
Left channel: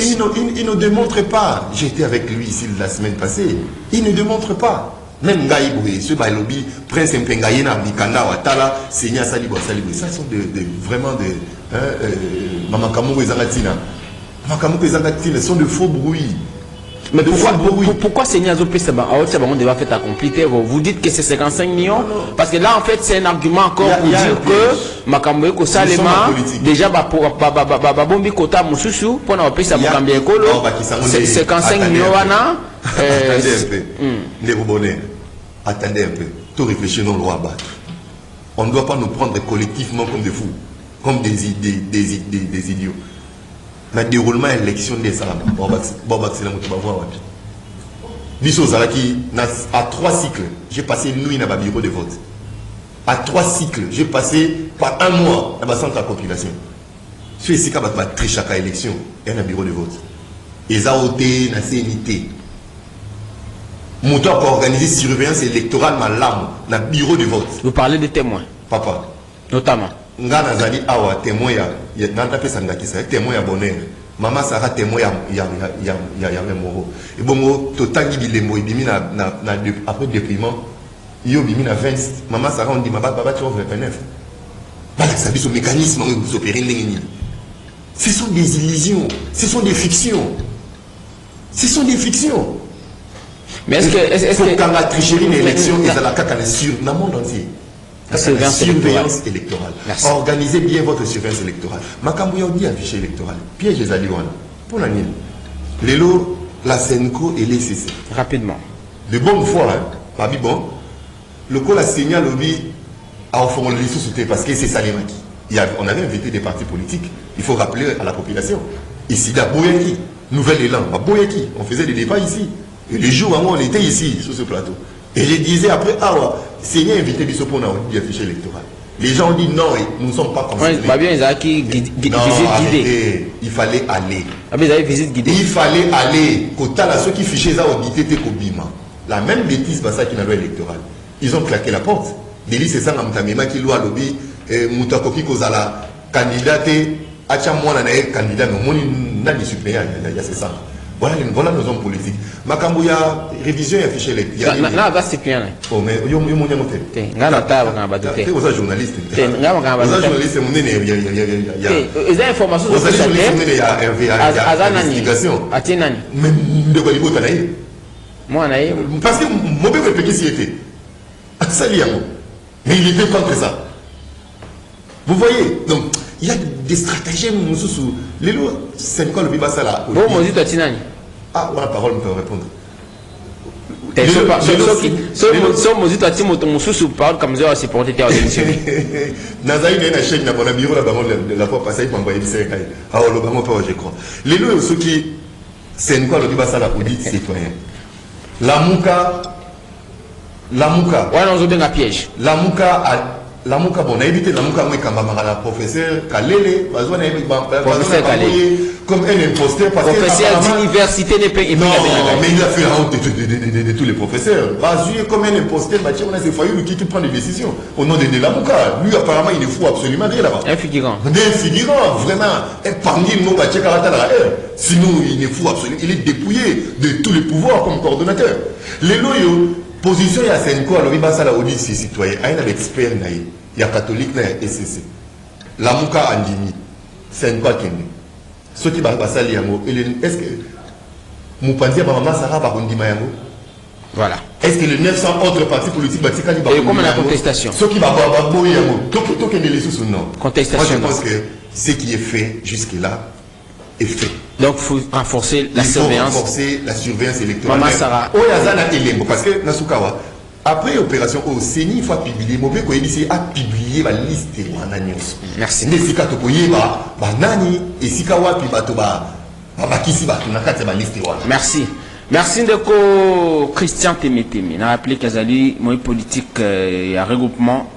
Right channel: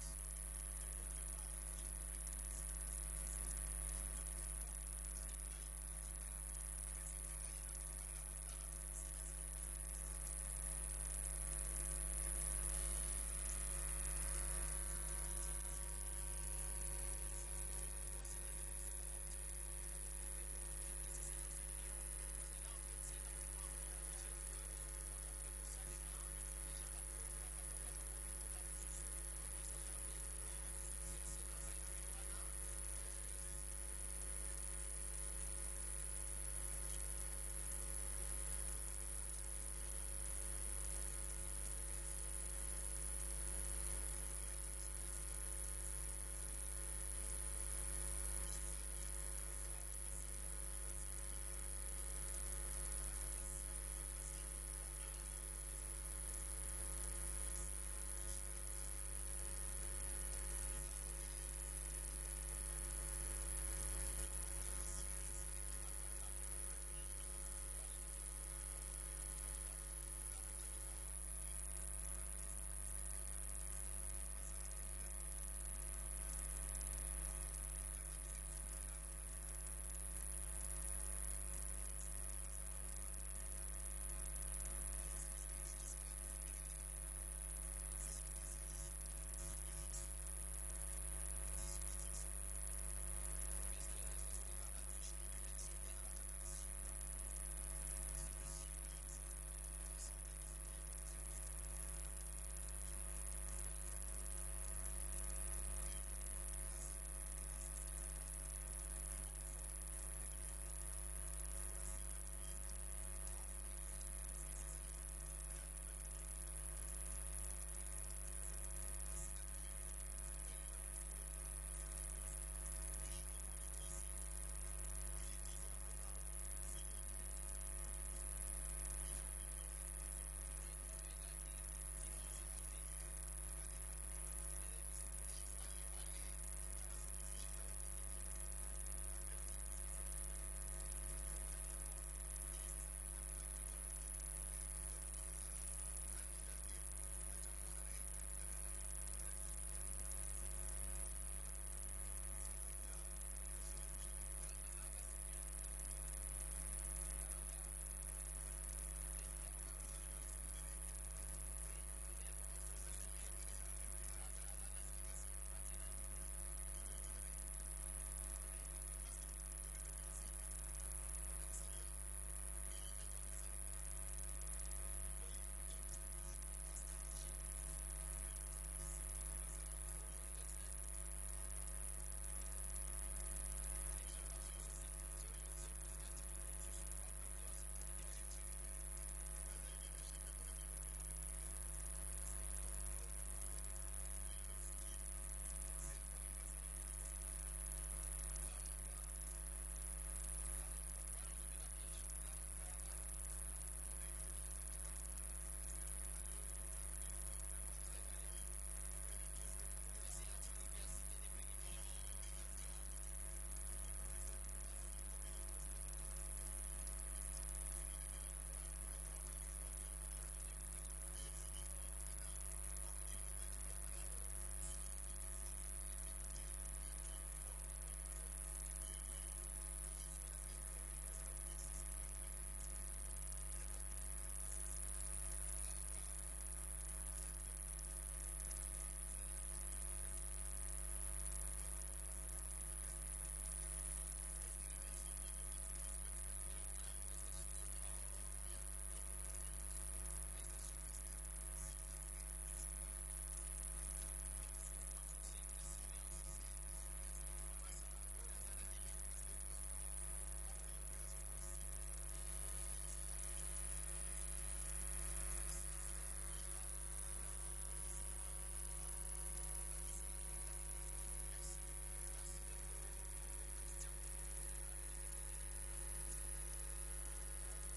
Il ne démontre pas. J'étais avec lui ici la semaine passée. Il ne démontre pas. Même Gaïboué, ce Bailobi, Prince Mpengaïna, Bikanda, Watala, Seigneur Salibo, Salibo. Ça sont vraiment des. Mamakamou et Zangatina. Mamakamou et Zangatina sont de faux bruits. Mais pourquoi Seigneur Zopé, on devait faire compliqué. Vous dites que c'est 55 millions? Parce que là, en fait, c'est un argument encore pour dire que Makamoué Kosalema, déjà, Bombi Kota Moussoussou, pour n'a pas ça Mokambé Kolo, 55 millions. Attendez un peu. Tout réfléchir dans le roi battre. On ne doit pas nous prendre collectivement comme des fous, comme des idiots. Le déroulement de l'élection des Salama, c'est la motivation. À 3 cycles, j'ai passé nuit dans le bureau de vote. À 3 cycles, j'ai passé par 1 mois dans le centre de la population. Je suis ici quand je triche chaque élection et dans le bureau de vote. Ils ont été dans la CNIT. Mon temps pour organiser surveillance électorale dans le bureau de vote. Vous parlez de témoins? Papa. Notamment. Nga nazali awa témoin ya nanda pesa ngakisa témoin ya bonheur mama Sarah témoin ya memoro et bongo totangi bilembo ibimi na après déprimant yo bimi na 20 mama Sarah on dit baba tu vas 29 bala ça biso mécanisme vous opérez ndengeni. Ce sont des illusions, ce sont des fictions. Mais est-ce que quand la tricherie d'une élection est à la caca sur dans le monde entier? La surveillance électorale. Merci. Organisez bien votre surveillance électorale. Makambouya dit affiché électoral. Piège les Aliouana. Pour la nuit. Lélo, la Senco et les CC. Rapidement. De bonne foi, pas bon. Le coup la signal lobby a formulé les sous-soutés parce que c'est Salimaki. On avait invité des partis politiques. Il faut rappeler à la population. Ici, à Boyaki, Nouvel Élan, à Boyaki, on faisait des débats ici. Et les jours où on était ici, sur ce plateau. Et je disais après, Seigneur invité Bissot pour nous affiché électoral. Les gens ont dit non, nous ne sommes pas concernés. Il fallait aller. Il fallait aller. Ceux qui fichaient ça audité Kobima. La même bêtise dans ça qui n'a pas électoral. Ils ont claqué la porte. Délit c'est ça, Mtamema qui loua lobby, Moutakoki Kozala, candidat, Achamouana candidat, mais mon n'a ni suppléant, il y a c'est ça. Voilà nos hommes politiques. Makambouya, révision et affiché électoral. Non, c'est bien. Oh, mais il y a mon yamoté. Il y a un journaliste. Il y a un journaliste. Il y a informations sur ça. Il y a investigation. Mais de quoi il faut t'anaï? Moi, parce que mon bébé peut s'y était. Ça l'y a. Mais il était contre ça. Vous voyez? Donc, il y a des stratagèmes. Les lois, c'est quoi le biba ça là? Bon, moi, je suis ah, la parole me peut répondre. Les lois, ceux qui c'est quoi le biba ça là? Audit citoyen. La Mouka. Ouais, on a un piège. La Mouka, bon, on a évité la Mouka, la professeur Kalele, comme un imposteur. Professeur d'université n'est pas. Non, mais il a fait la honte de tous les professeurs. Basé comme un imposteur, on a ces faillis qui prend des décisions au nom de la Mouka. Lui, apparemment, il est fou absolument rien là-bas. Un figurant. Des figurants, vraiment. Parmi nous, sinon, il est fou absolument. Il est dépouillé de tous les pouvoirs comme coordonnateur. Les loyaux. Position il y a Senko, alors il va ça la audit ses citoyens. Il y a un expert, il y a catholique, il y a SCC. La Mouka Andini, Senko Kende. Ce qui va passer à l'Iamo, est-ce que Moupandia Bama Sarah Barundima Yamo? Voilà. Est-ce que les 900 autres partis politiques battent et comme la contestation? Ce qui va avoir Boyamo, tout est sous non. Contestation. Moi je pense que ce qui est fait jusque-là est fait. Donc il faut renforcer la surveillance. Il faut renforcer la surveillance électorale. Maman Sarah. Parce que Nasukawa, après l'opération au CENI, il faut publier. Mauvais Koyebisi a publié la liste de Wananios. Merci. Nesika Tokoyeba, Banani, et Sikawa, puis Batoba, Babakisi, Batunakate, la liste de Wananios. Merci. Merci de Christian Temetemi. On a rappelé qu'Azali, moi politique, il y a regroupement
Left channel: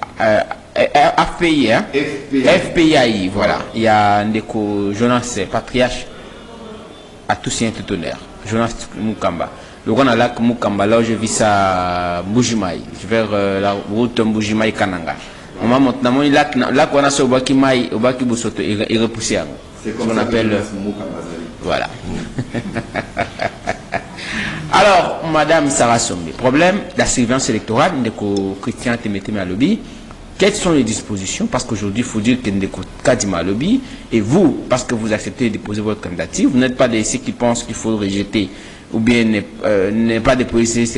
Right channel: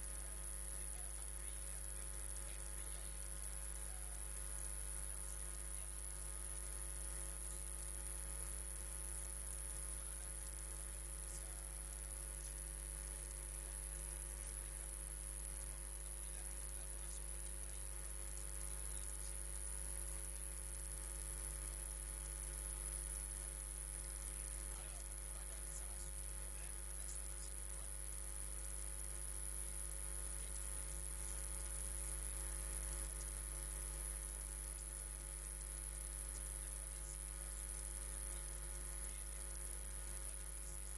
FPI, hein? FPI, voilà. Il y a Ndeko Jonas Patriarche à tous ces honneur. Jonas Mukamba. Le grand lac Mukamba, là où je vis ça, Mbujimaï, vers la route Mbujimaï Kananga. On m'a montré, là qu'on a ce Obaki Maï, Obaki Boussoto, il repoussé. C'est ce qu'on appelle. Voilà. Alors, Madame Sarah Sombe, problème, la surveillance électorale, Ndeko Christian Temeteme Alobi. Quelles sont les dispositions? Parce qu'aujourd'hui, il faut dire que Ndeko Kadima Alobi, et vous, parce que vous acceptez de déposer votre candidature, vous n'êtes pas de ceux qui pensent qu'il faut rejeter ou bien ne pas déposer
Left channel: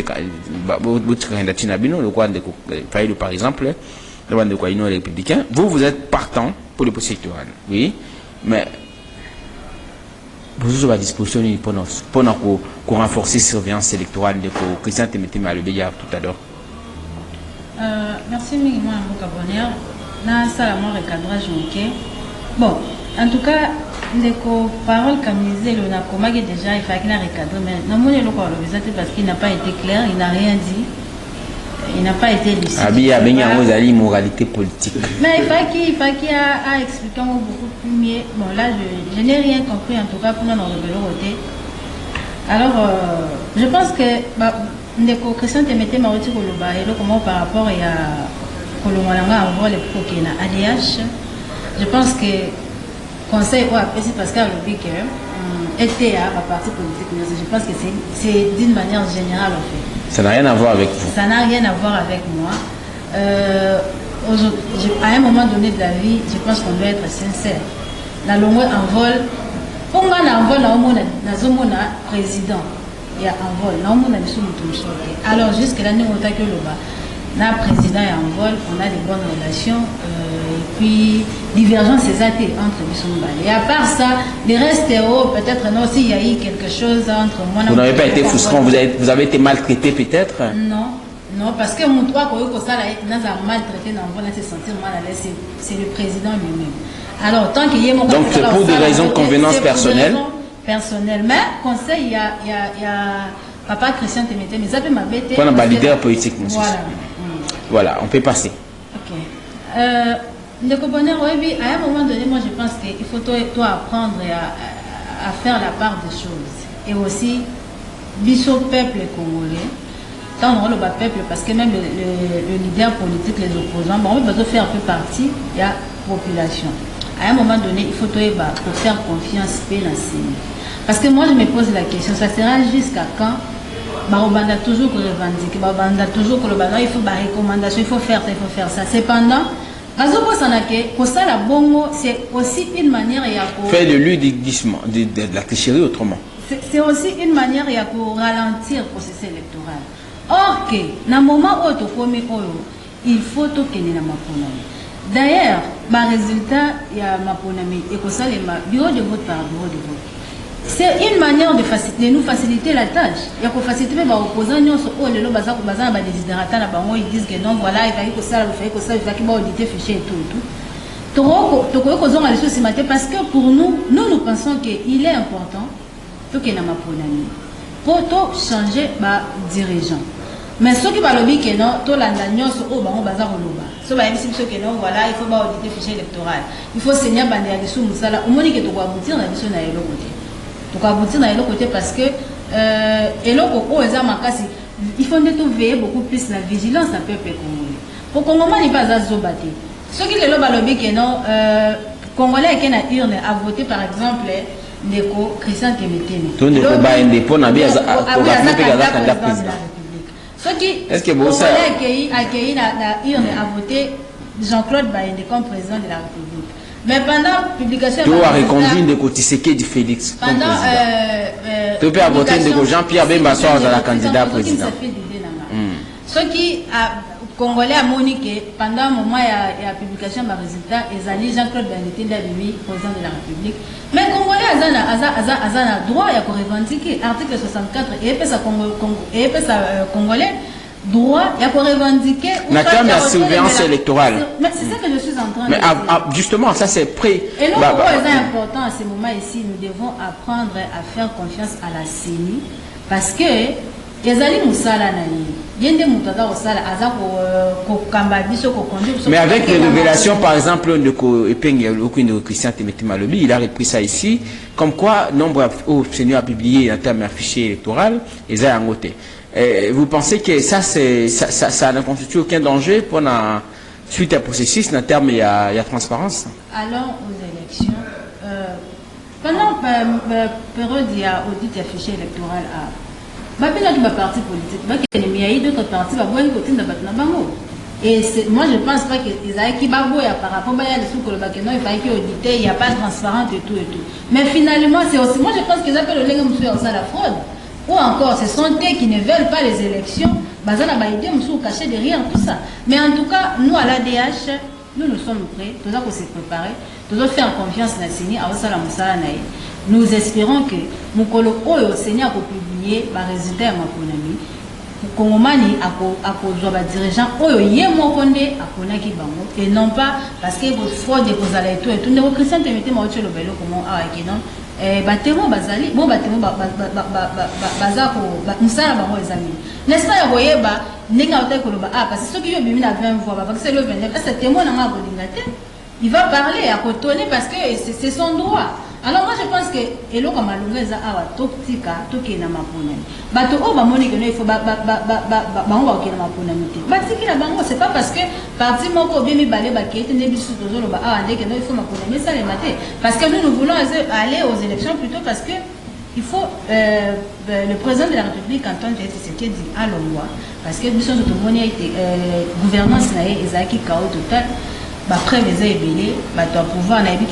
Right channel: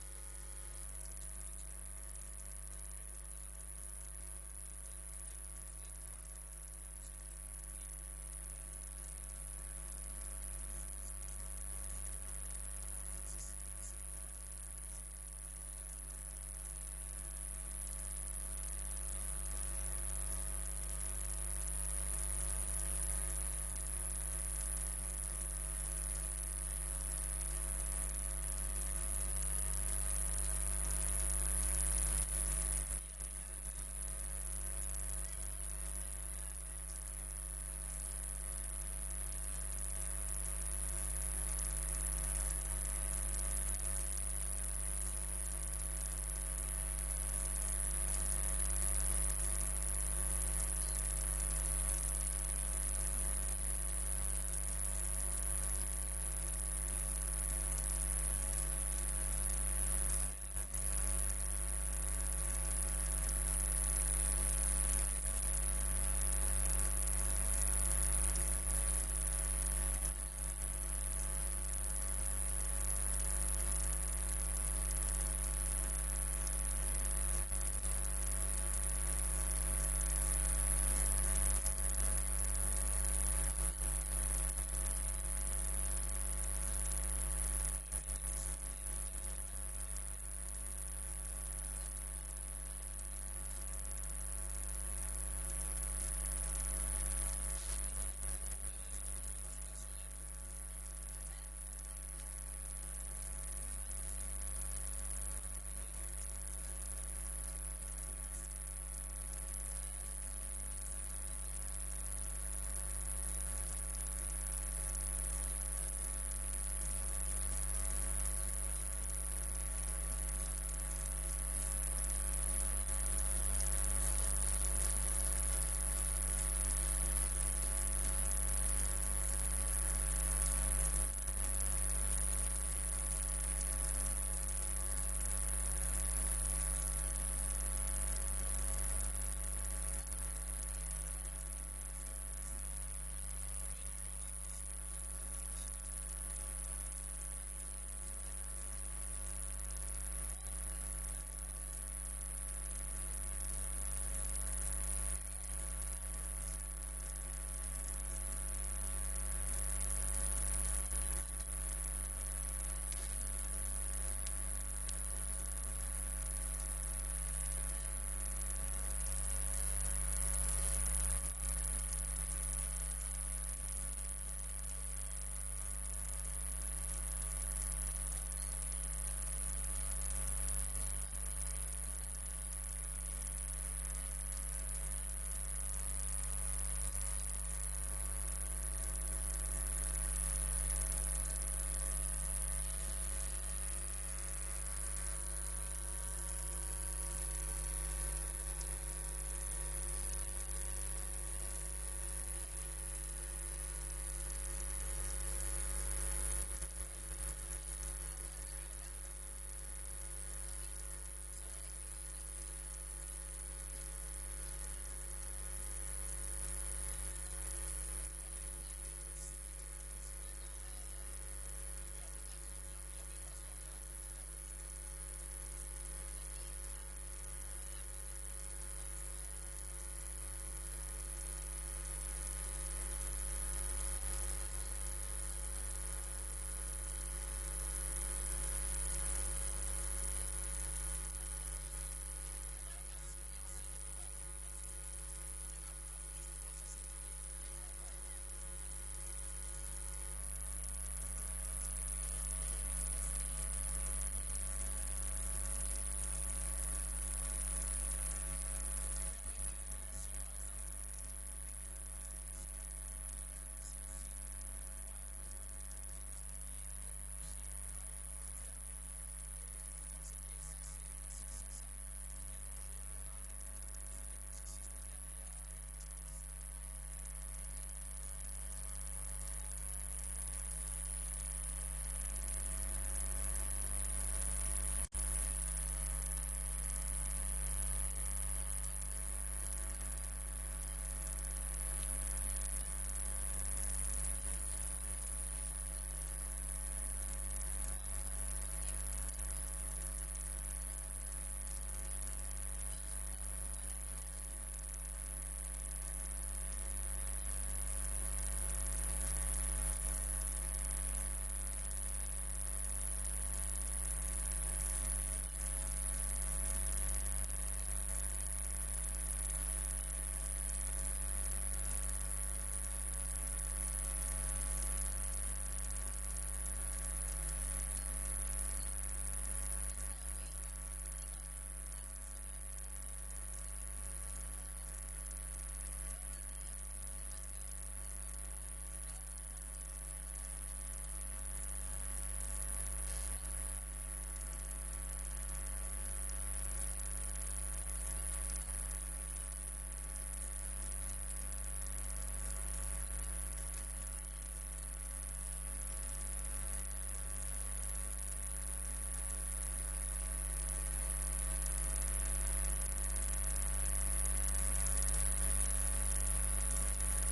votre candidature Nabino, le quoi Ndeko Faïlo par exemple, le quoi Ndeko Aïno républicain. Vous êtes partant pour le processus électoral. Oui, mais vous avez à disposition pour renforcer la surveillance électorale de Christian Temeteme Alobi tout à l'heure. Merci Miguel Mbokabonière. Na salamon recadrage ok. Bon, en tout cas, Ndeko parole camisée, le n'a comagé déjà, il fallait qu'il a recadré, mais non, mon élo parce qu'il n'a pas été clair, il n'a rien dit, il n'a pas été lucide. Ah bien, il y a une moralité politique. Mais il fallait qu'il a expliqué beaucoup plus mieux. Bon, là, je n'ai rien compris, en tout cas, pour nous révéler. Alors, je pense que Ndeko Christian Temeteme Alobi Koloba et comment par rapport à Kolomolanga envoie les provoquer na ADH. Je pense que conseil ou apprécié parce qu'à Alobi que était à parti politique. Je pense que c'est d'une manière générale en fait. Ça n'a rien à voir avec vous. Ça n'a rien à voir avec moi. À un moment donné de la vie, je pense qu'on doit être sincère. La longue envol, pour moi, l'envol na président. Il y a un vol. Alors, jusque-là, nous avons que le président est en vol, on a des bonnes relations, et puis divergence c'est entre les et à part ça, les restes peut-être non, s'il y a eu quelque chose entre moi. Vous n'avez pas été frustrant, vous avez été maltraité peut-être? Non, parce que mon toit, quand ça a maltraité dans le vol, c'est sentir mal à l'aise, c'est le président lui-même. Alors, tant qu'il y a mon donc c'est pour des raisons de convenance personnelle. Mais conseil, il y a papa Christian Temeteme, mais ça peut m'embêter. On a un leader politique, monsieur. Voilà, on peut passer. Ok. Ndeko Bonheur, oui, à un moment donné, moi je pense qu'il faut toi apprendre à faire la part des choses. Et aussi, biso peuple congolais, tant on le peuple, parce que même le leader politique, les opposants, bon, on va faire un peu partie de la population. À un moment donné, il faut pour faire confiance dans la. Parce que moi, je me pose la question, ça sera jusqu'à quand on a toujours revendiquer, on a toujours il faut des recommandations, il faut faire ça. Cependant, c'est aussi une manière de faire de l'udisme, de la tricherie autrement. C'est aussi une manière de ralentir le processus électoral. Or, dans le moment où il faut que nous. D'ailleurs, le résultat, il y a Maponami et que ça, le bureau de vote par bureau de vote. C'est une manière de nous faciliter la tâche. Il y a que faciliter les opposants, ils disent que non, voilà, il fallait que ça, il fallait qu'il auditer fichier et tout. Parce que pour nous pensons qu'il est important que nous Maponami pour changer les dirigeants. Mais ceux qui parlent bien que non, tout l'annonce au baron bazar au loba. Ceux qui disent que non, voilà, il faut pas auditer fichier électoral. Il faut saigner bandé à dessous musala. Au moins que tu dois aboutir dans dessous na l'autre côté. Tu dois aboutir dans l'autre côté parce que et l'autre au ezar makasi, il faut tout veiller beaucoup plus la vigilance à peuple congolais. Pour Congolais n'est pas à zobater. Ceux qui le loba lobby que non, Congolais qui na urne a voté par exemple Ndeko Christian Temeteme. Tout ne peut pas indépendant na bien à président. Ceux qui accueilli la urne a voté Jean-Claude Baïndé comme président de la République. Mais pendant la publication... Tu as reconduit de Kotiseke du Félix comme président. Tu peux voter de Jean-Pierre Bemba Soir à la candidat président. Ceux qui Congolais a moniqué pendant le moment de la publication de résultat, ils allaient Jean-Claude Baïndé président de la République. Mais Congolais a droit à revendiquer l'article 64 et Congolais droit à revendiquer la surveillance électorale. Mais c'est ça que je suis en train de dire. Justement, ça c'est prêt. Et donc, c'est important à ce moment ici, nous devons apprendre à faire confiance à la CENI parce que les alliés Moussala Mais avec les révélations, par exemple, de Christian Timothy Malobi, il a repris ça ici, comme quoi, nombre au Seigneur a publié en termes d'affiché électoral, et ça a noté. Vous pensez que ça ne constitue aucun danger pour la suite à processus, en termes il y a transparence? Alors, aux élections, pendant la période, il y a audit affiché électoral à. Il y a des partis politiques, il y a d'autres partis qui ont. Et moi, je ne pense pas qu'ils aient qui par rapport à il n'y a pas de transparence et tout et tout. Mais finalement, c'est aussi, moi je pense qu'ils appellent le la fraude. Ou encore, ce sont eux qui ne veulent pas les élections. Ils ont caché derrière tout ça. Mais en tout cas, nous à l'ADH, nous sommes prêts, nous avons s'est préparés, nous avons fait confiance à la CENI, nous espérons que nous au Seigneur pour publier les résultats de ma économie. Kongomani akozwa dirigeant oyo ye mokonde akonaki bango et non pas parce que votre fraude ekozala et tout ndeko Christian Timothy Malobi lobelo comment awaki non batemo bazali bon batemo bazako musala bango ezali n'est-ce pas yaboyeba ndinga otay koloba parce que soki yo bimi na 20 voix parce que le 29 est-ce que témoin na bolinga te il va parler à kotonner parce que c'est son droit. Alors moi je pense que elo comme alongeza awa toktika tokena maponani bato o ba moni que il faut ba bango okena maponani te batiki na bango c'est pas parce que parti moko bien mi balé ba kete ne bisu tozolo ba awa ndeke no il faut maponani ça les mater parce que nous voulons aller aux élections plutôt parce que il faut le président de la République Antoine Tshisekedi dit à l'Omwa parce que biso to moni été gouvernance na ezaki chaos total. Après les ébélés, tu as pouvoir aujourd'hui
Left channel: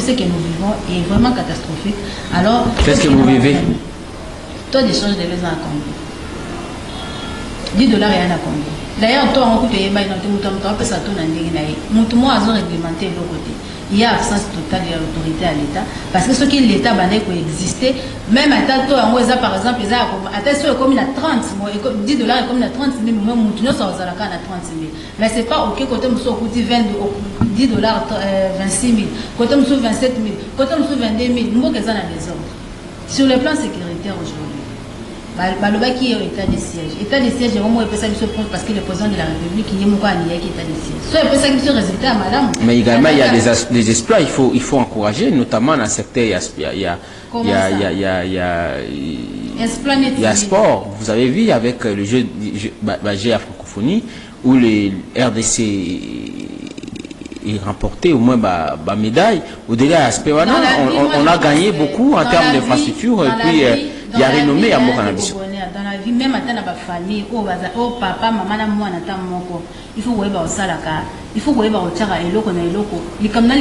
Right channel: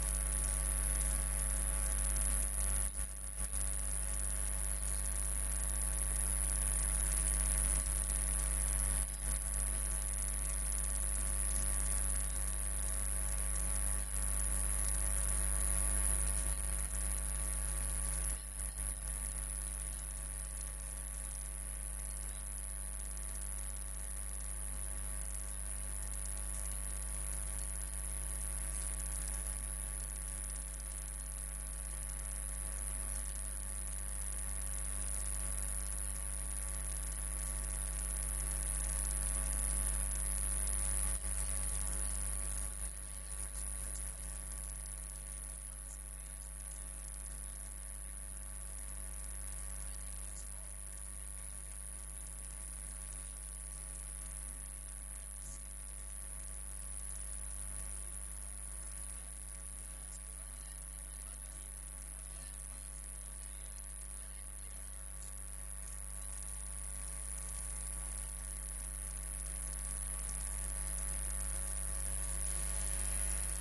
ce que nous vivons est vraiment catastrophique. Alors, qu'est-ce que vous vivez? Taux d'échange de l'eau à Congo. $10 et un à Congo. D'ailleurs, toi, on peut réglementer de l'autre côté. Il y a absence totale de l'autorité à l'État. Parce que ce qui l'État peut exister, même à Tato, par exemple, à comme il a 30, $10 est comme il a 30 000, même nous sommes à 30 000. Mais ce n'est pas OK, côté nous sommes $10, 26 000, côté nous sommes 27 000, côté nous sommes 22 000, nous sommes des ordres. Sur le plan sécuritaire aujourd'hui, qui est au état de siège. État de siège, parce que le président de la République qui est mon état de siège. Soit il peut ça résultat, madame. Mais également, il y a des exploits, il faut encourager, notamment dans le secteur, il y a sport. Vous avez vu avec le jeu à francophonie, où les RDC remporté au moins la médaille. Au-delà de l'aspect, on a gagné beaucoup en termes d'infrastructures et puis il y a renommé à Mokanabis. Dans la vie, même à la famille, au papa, maman, moi, il faut voir au salaka, il faut voir au tchara et l'oko na l'oko. Il comme ça,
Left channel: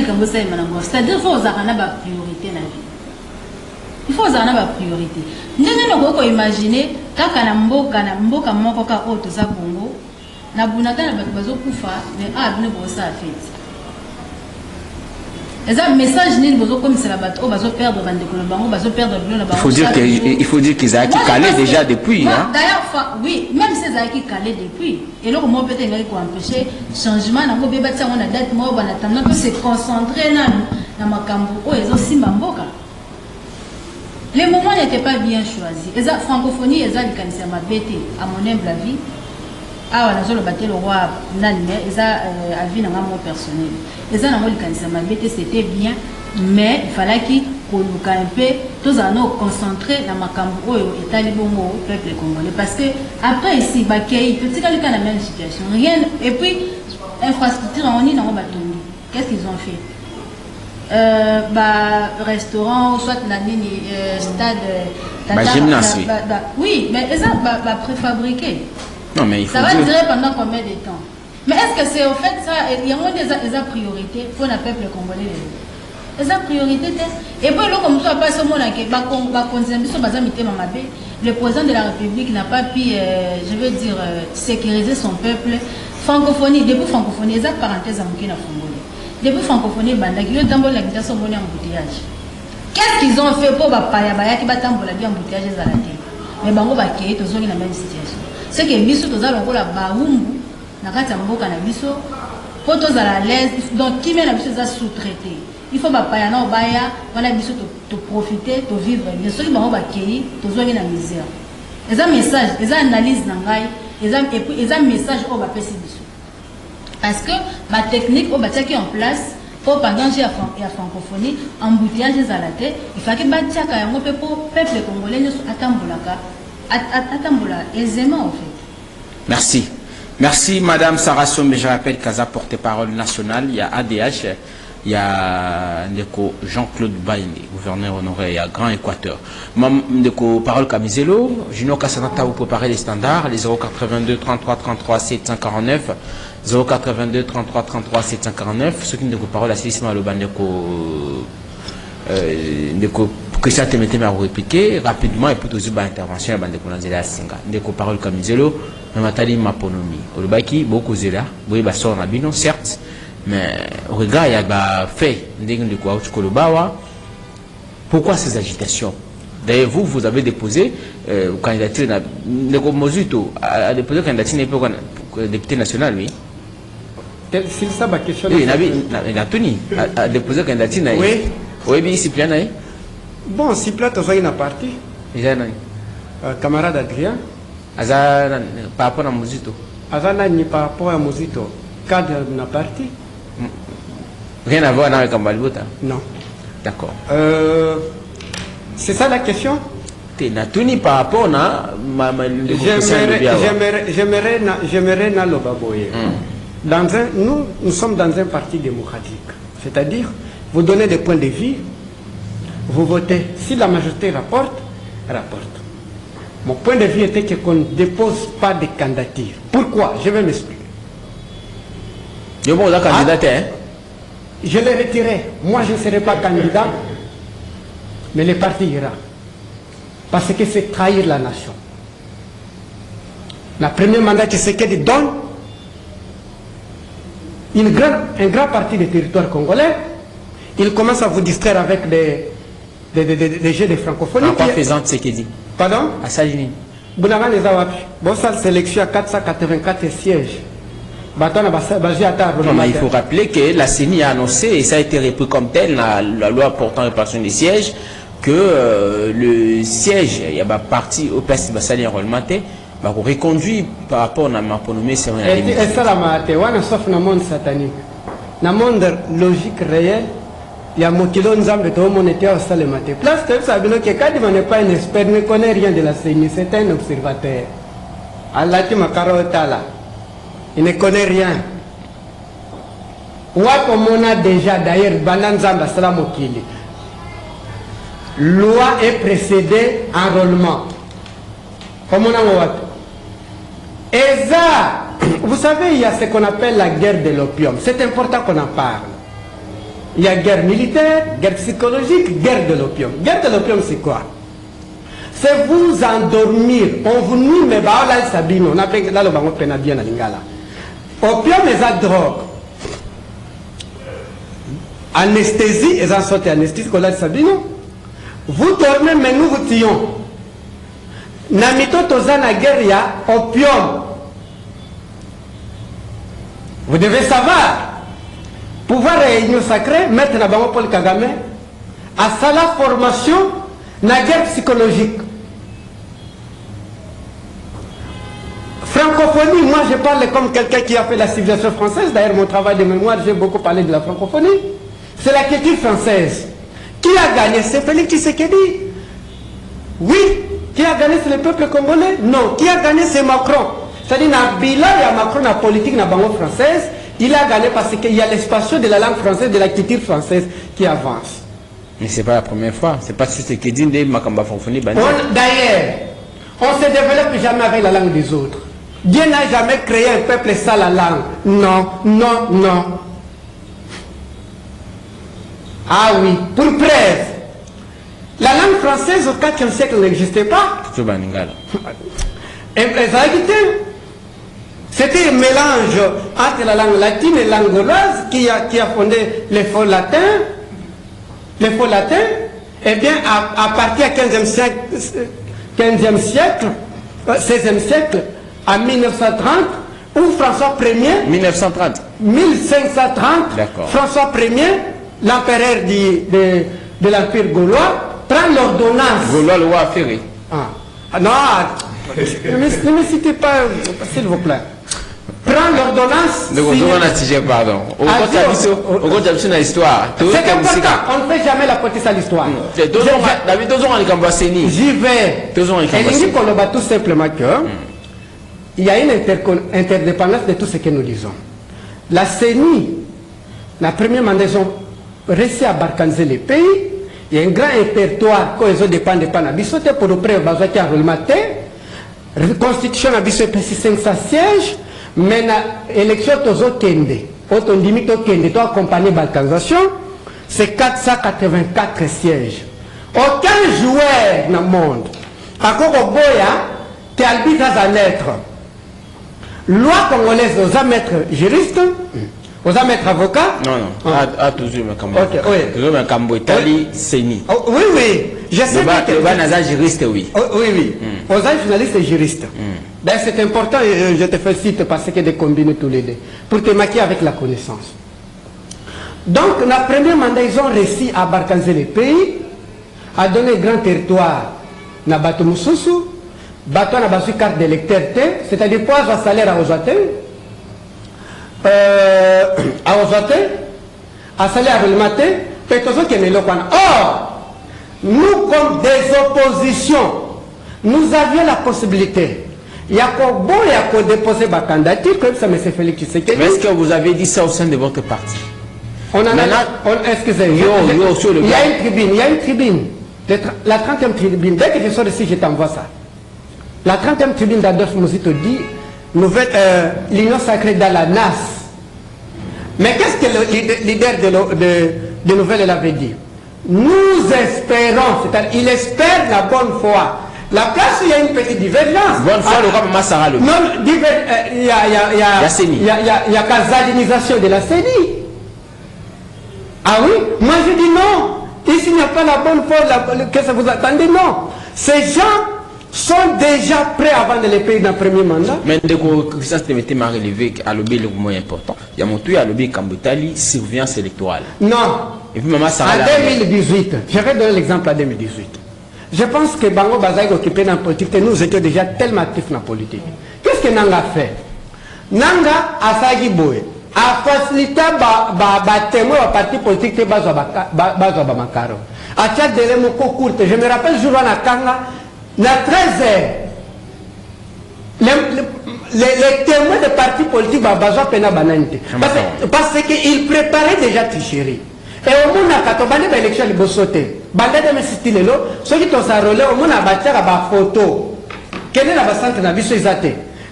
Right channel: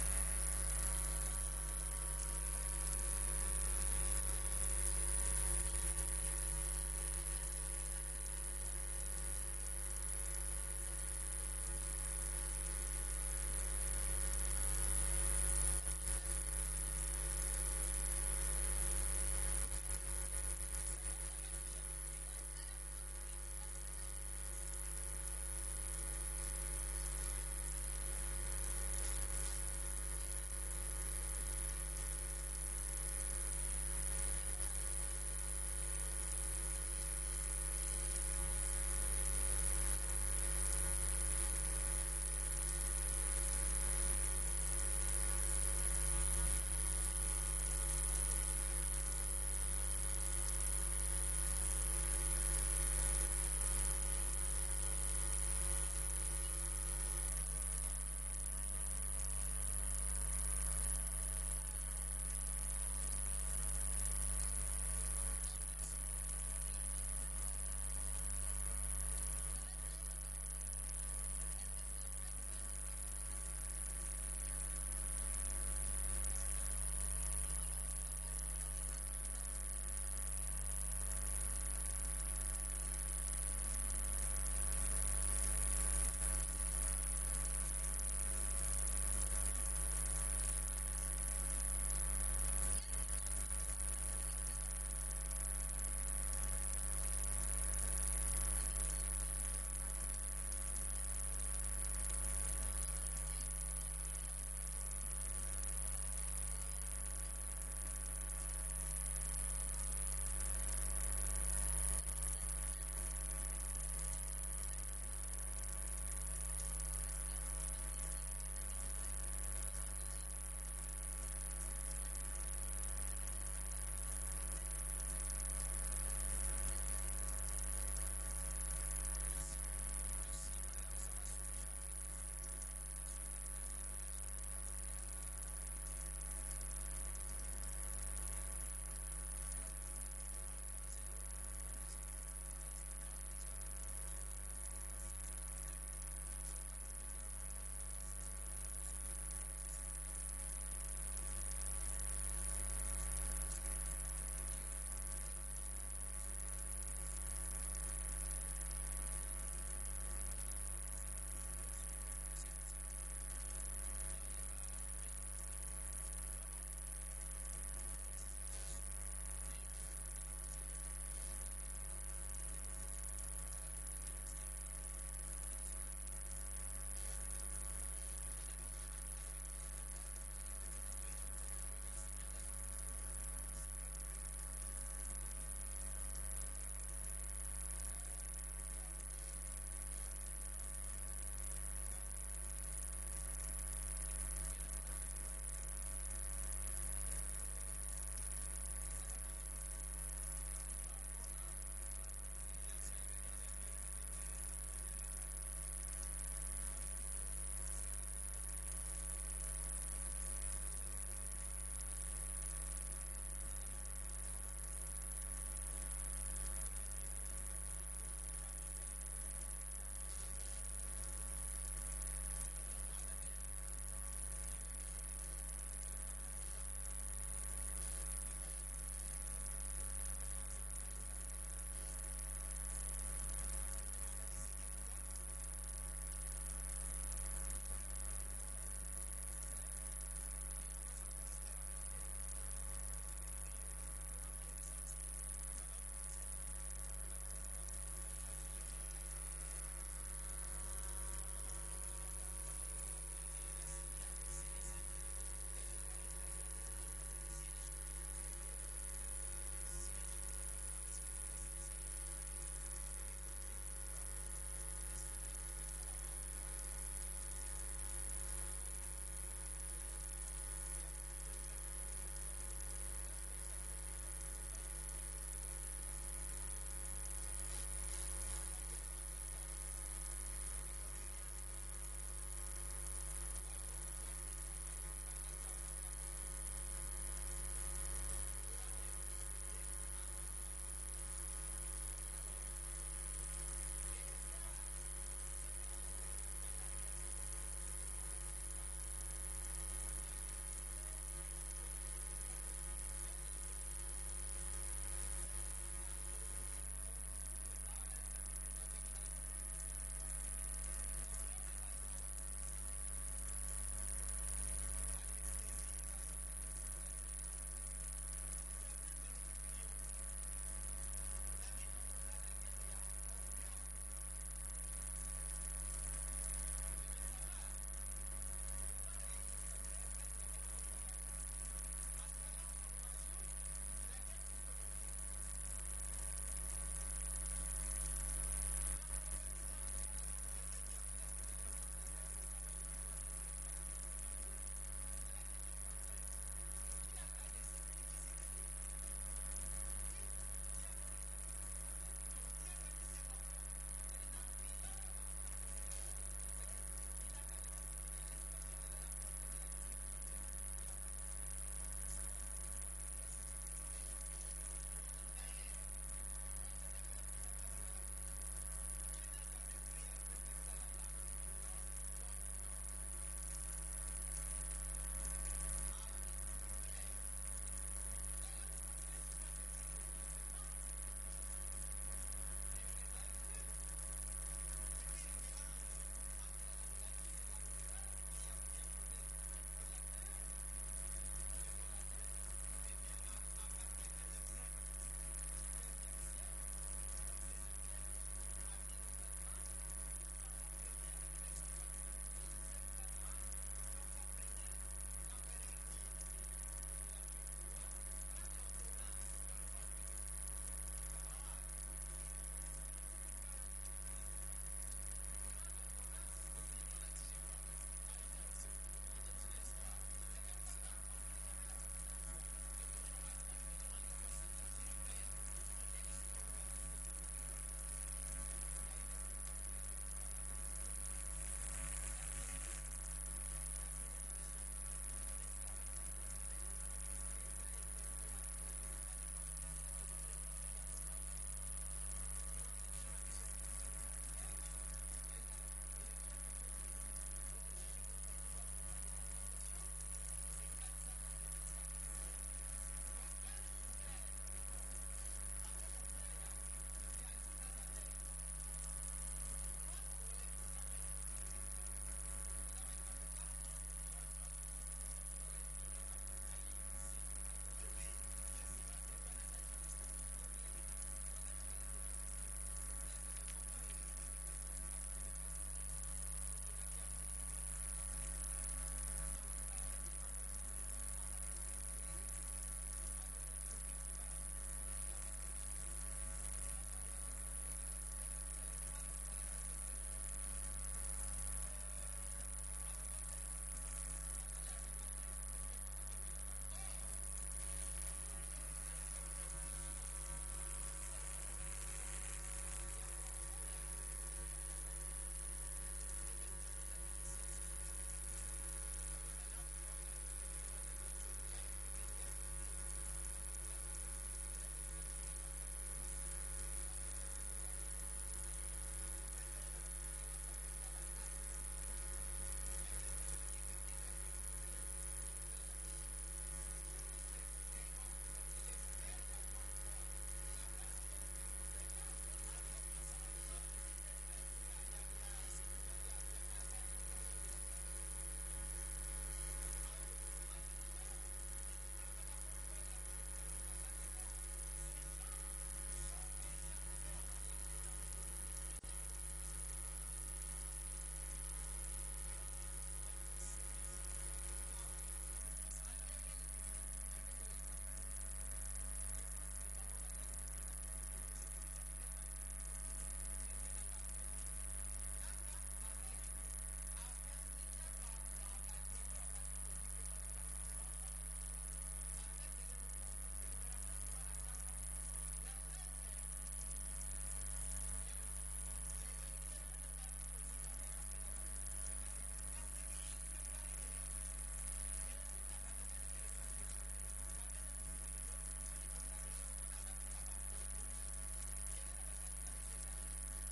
c'est-à-dire qu'il faut avoir une priorité dans la vie. Il faut avoir une priorité. Nous devons imaginer quand mboka moko ka o to za Congo na bunaka na bazo kufa mais abine bo ça fait. Un message comme c'est la bateau, perdre il faut dire qu'ils ont calé déjà depuis. D'ailleurs, oui, même si ils ont calé depuis. Et là, comment peut-être empêcher le changement, on a date, on peut se concentrer dans ma cambo, ils ont aussi mamboka. Les moments n'étaient pas bien choisis. Les francophonie, ils ont dit ma bête, à mon humble avis. Ah, on a battu le roi Nanime, ils ont avis dans mon personnel. Ils ont dit c'était bien, mais il fallait qu'ils nous un peu, tous en concentrés dans ma cambo et talibongo au peuple congolais. Parce que après ici, petit cas la même situation. Rien, et puis, infrastructure, on est dans le bateau. Qu'est-ce qu'ils ont fait? Restaurant, soit la stade, gymnase. Oui, mais ils ont préfabriqué. Non, mais il faut ça va durer pendant combien de temps? Mais est-ce que c'est au fait ça? Il y a moins des priorités pour le peuple congolais. Les priorités. Et puis, comme ça, pas seulement le président de la République n'a pas pu, je veux dire, sécuriser son peuple. Francophonie, depuis francophonie, les parenthèses à Mokina Congolais. Depuis francophonie, il y a un embouteillage. Qu'est-ce qu'ils ont fait pour Payabaya qui va t'embouteiller embouteillage à la terre? Mais Bango Baké, tous dans la même situation. C'est que biso toza lokola baumbu na kati ya mboka na biso po toza la l'aise donc qui met na biso za sous-traité il faut bapaya na obaya wana biso to profiter to vivre bien soki bango bakei tozwangi na misère ils ont message, ils ont analyse nangai, ils ont message au bas dessous. Parce que ma technique au bas qui en place pour pendant j'ai la francophonie, embouteillage à la tête, il faut que bâtir quand même pour peuple congolais ne soit attambula aisément en fait. Merci. Merci Madame Sarah Sombe, je rappelle Kaza porte-parole nationale, il y a ADH, il y a Jean-Claude Baïni, gouverneur honoré, il y a Grand Équateur. Ndeko Parole Kamizelo, Junior Kassanata, vous préparez les standards, les 082 33 33 749, 082 33 33 749, ceux qui ne parole à Sissima Loba Ndeko Christian Temete m'a répliqué rapidement et pour tous les interventions, Ndeko Nanzela Singa, Ndeko Parole Kamizelo, Matali Maponomi, Olobaki, beaucoup zéla, oui, bah, ça on a bien, certes. Mais au regard, il y a fait pourquoi ces agitations? D'ailleurs, vous avez déposé candidature a déposé candidature pour député national, oui. C'est ça ma question. Il a tenu à déposer candidature. Oui. Oui, bien, Cyprien. Bon, Cyprien, tu as une partie. Camarade Adrien. Par rapport à Mozito. Par rapport à Mozito. Cadre de la partie. Rien à voir avec Kambalbota? Non. D'accord. C'est ça la question? Tuni par rapport à j'aimerais Nalobaboye. Nous sommes dans un parti démocratique. C'est-à-dire, vous donnez des points de vue, vous votez. Si la majorité rapporte. Mon point de vue était qu'on ne dépose pas de candidature. Pourquoi? Je vais m'expliquer. Je l'ai retiré. Moi, je ne serai pas candidat, mais le parti ira. Parce que c'est trahir la nation. Le premier mandat que Sekedi donne, un grand parti du territoire congolais, il commence à vous distraire avec des jeux de francophonie. En quoi faisant Sekedi? Pardon? À Salini. Bounagan les Awapi. Bon, ça, sélection à 484 sièges. Il faut rappeler que la CENI a annoncé, et ça a été repris comme tel, la loi portant répartition des sièges, que le siège, il y a parti au place de salaire enrôlementé, reconduit par rapport à ma renommée, c'est vrai. Et ça, sauf dans le monde satanique. Dans le monde logique réel, il y a mon kilo nzambe to monétaire au salemate. Place que ça veut dire que quand on n'est pas un expert, ne connaît rien de la CENI, c'est un observateur. Allah ti makaro tala. Il ne connaît rien. Comme on a déjà d'ailleurs Bananzamba Salamokili. Loi est précédée enrôlement. Comme on a et ça, vous savez, il y a ce qu'on appelle la guerre de l'opium. C'est important qu'on en parle. Il y a guerre militaire, guerre psychologique, guerre de l'opium. Guerre de l'opium, c'est quoi? C'est vous endormir. On vous nuit, mais là, Sabino, on appelle là le bango pénadien à Lingala. Opium est la drogue. Anesthésie, et en sorte anesthésie, qu'on a Sabino. Vous dormez, mais nous vous tuons. Namito Tozana guerre, il y a opium. Vous devez savoir. Pouvoir réunion sacrée, mettre la banque Paul Kagame, à ça la formation, la guerre psychologique. Francophonie, moi je parle comme quelqu'un qui a fait la civilisation française. D'ailleurs, mon travail de mémoire, j'ai beaucoup parlé de la francophonie. C'est la culture française. Qui a gagné? C'est Félix Tshisekedi. Oui. Qui a gagné? C'est le peuple congolais? Non. Qui a gagné? C'est Macron. C'est-à-dire, il y a Macron, la politique, la banque française. Il a gagné parce qu'il y a l'expansion de la langue française, de la culture française qui avance. Mais ce n'est pas la première fois. Ce n'est pas ce qui dit des Makamba Fonfoni. D'ailleurs, on ne se développe jamais avec la langue des autres. Dieu n'a jamais créé un peuple sans la langue. Non, non, non. Ah oui, pour preuve. La langue française au 4e siècle n'existait pas. C'était un mélange entre la langue latine et la langue gauloise qui a fondé les faux latins. Les faux latins, eh bien, à partir du 15e siècle, 16e siècle, en 1930, où François Ier, 1930. 1530, François Ier, l'empereur de l'Empire gaulois, prend l'ordonnance. Gaulois le roi Ferré. Non, Ne me citez pas, s'il vous plaît. Prends l'ordonnance. Pardon. C'est important, on ne fait jamais la politique à l'histoire. J'y vais. Et il dit tout simplement que il y a une interdépendance de tout ce que nous disons. La CENI, la première mandat, ils ont réussi à barcaniser les pays. Il y a un grand répertoire quand ils ont dépendé de Panabiso pour le prêt besoin qui a relevé. La constitution a 500 sièges. Mais l'élection de Kende, autonomie de Kende, toi accompagné de balkanisation, c'est 484 sièges. Aucun joueur dans le monde, encore au Boya, qui arbitre à lettre. Loi congolaise, aux maîtres juristes, aux maîtres avocats. Non. Toujours un cambo. Italie, CENI. Oui, oui. Je sais que les juristes, oui. Oui. Aux journalistes et juristes. Ben, c'est important, et je te félicite parce que de combiner tous les deux, pour te maquiller avec la connaissance. Donc, la première mandat, ils ont réussi à barcaniser les pays, à donner un grand territoire à Bato Moussousou, Bato na basu carte d'électeur, c'est-à-dire pas un salaire à Ozate, à salaire à Relmate, peut-être qu'il y a une Or, nous, comme des oppositions, nous avions la possibilité. Il y a qu'à déposer ma candidature, comme ça, M. Félix Tshisekedi. Mais est-ce que vous avez dit ça au sein de votre parti? Excusez, il y a une tribune, la 30e tribune. Dès que je sors ici, je t'envoie ça. La 30e tribune d'Adolphe Mouzito dit l'union sacrée dans la NAS. Mais qu'est-ce que le leader de Nouvelle avait dit? Nous espérons, c'est-à-dire il espère la bonne foi. La place où il y a une petite divergence. Bonne foi, le roi Massara le. Non, il y a casalinisation de la CENI. Ah oui? Moi je dis non. Ici il n'y a pas la bonne foi, qu'est-ce que vous attendez? Non. Ces gens sont déjà prêts avant de les payer dans le premier mandat. Mais dès que ça s'est relevé à l'objet le moins important, il y a mon truc à l'objet Kambutali, surveillance électorale. Non. Et puis maman Sarah. En 2018, je vais donner l'exemple à 2018. Je pense que Bango Bazaï occupé dans la politique, nous étions déjà tellement actifs dans la politique. Qu'est-ce que Nanga a fait? Nanga a Sagi Boé, a facilité le témoin au parti politique de Bamakaro. A tia délai mon court, je me rappelle, je vois la Kanga, na 13h, les témoins de parti politique Babazo Pena Banante. Parce qu'ils préparaient déjà tricherie. Et au monde quand on a l'élection de Bossoté, bande de mes là, ceux qui ont enrôlé au monde a battu la photo. Quelle est la centre de vie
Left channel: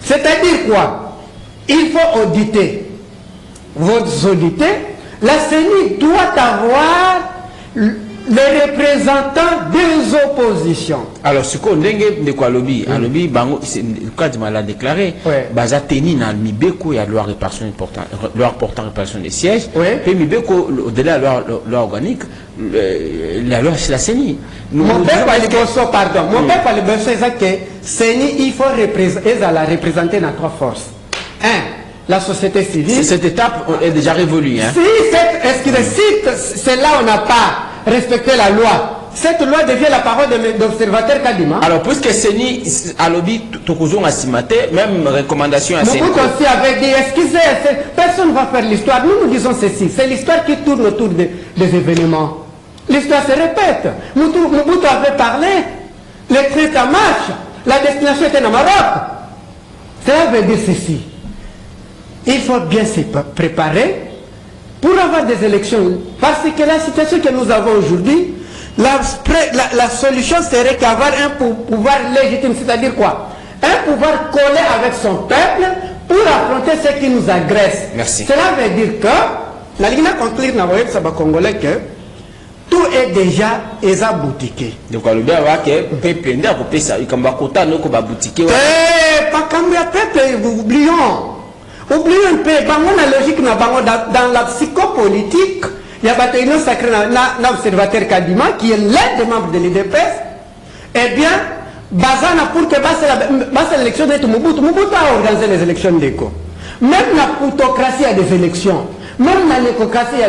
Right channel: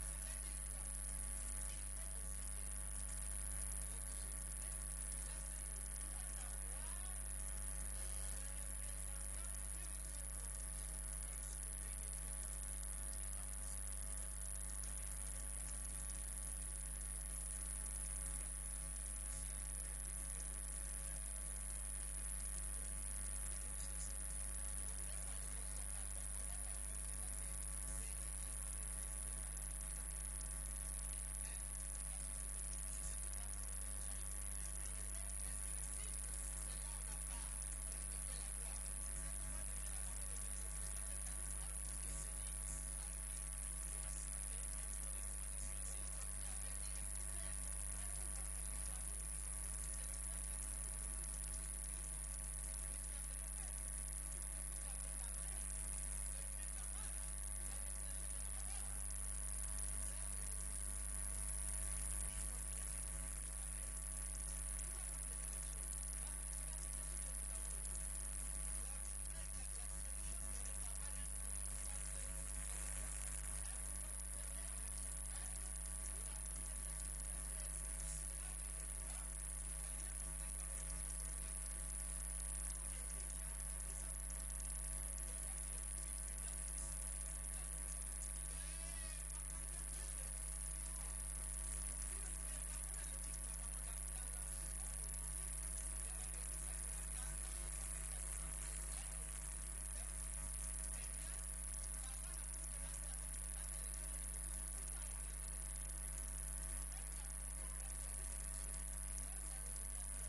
c'est-à-dire quoi? Il faut auditer. Vous auditez, la CENI doit avoir les représentants des oppositions. Alors, ce qu'on dit de quoi lobby, un lobby, le cas de mal déclaré, Baza Teni dans le Mibeko, il y a loi portant répartition des sièges, puis Mibeko, au-delà de la loi organique, la loi c'est la CENI. Mon père parlait de ça, pardon. Mon père parlait de ça, que CENI, il faut la représenter dans trois forces. La société civile. Cette étape est déjà révolue. Hein? Si c'est là où on n'a pas respecté la loi, cette loi devient la parole d'observateur Kadima. Alors, puisque CENI a lobby Tokozon a cimaté, même recommandation à CENI. Beaucoup aussi avait dit, excusez, personne ne va faire l'histoire. Nous disons ceci, c'est l'histoire qui tourne autour des événements. L'histoire se répète. Mobutu avait parlé, les traites en marche, la destination était au Maroc. Cela veut dire ceci. Il faut bien se préparer pour avoir des élections. Parce que la situation que nous avons aujourd'hui, la solution serait qu'avoir un pouvoir légitime, c'est-à-dire quoi? Un pouvoir collé avec son peuple pour affronter ceux qui nous agressent. Merci. Cela veut dire que, la ligne conclure dans le Saba congolais que tout est déjà boutiqué. Donc, le bien, que peuple n'a pas ça. Il comme Bakota, nous, comme boutiqué. Pas comme le peuple, oublions. Oublions un peu, la logique dans la psychopolitique, il y a une union sacrée dans l'observateur Kadima, qui est l'un des membres de l'IDPS. Eh bien, Bazana pour que l'élection de Mobutu a organisé les élections d'ECO. Même la plutocratie a des élections. Même la nécocratie, il y a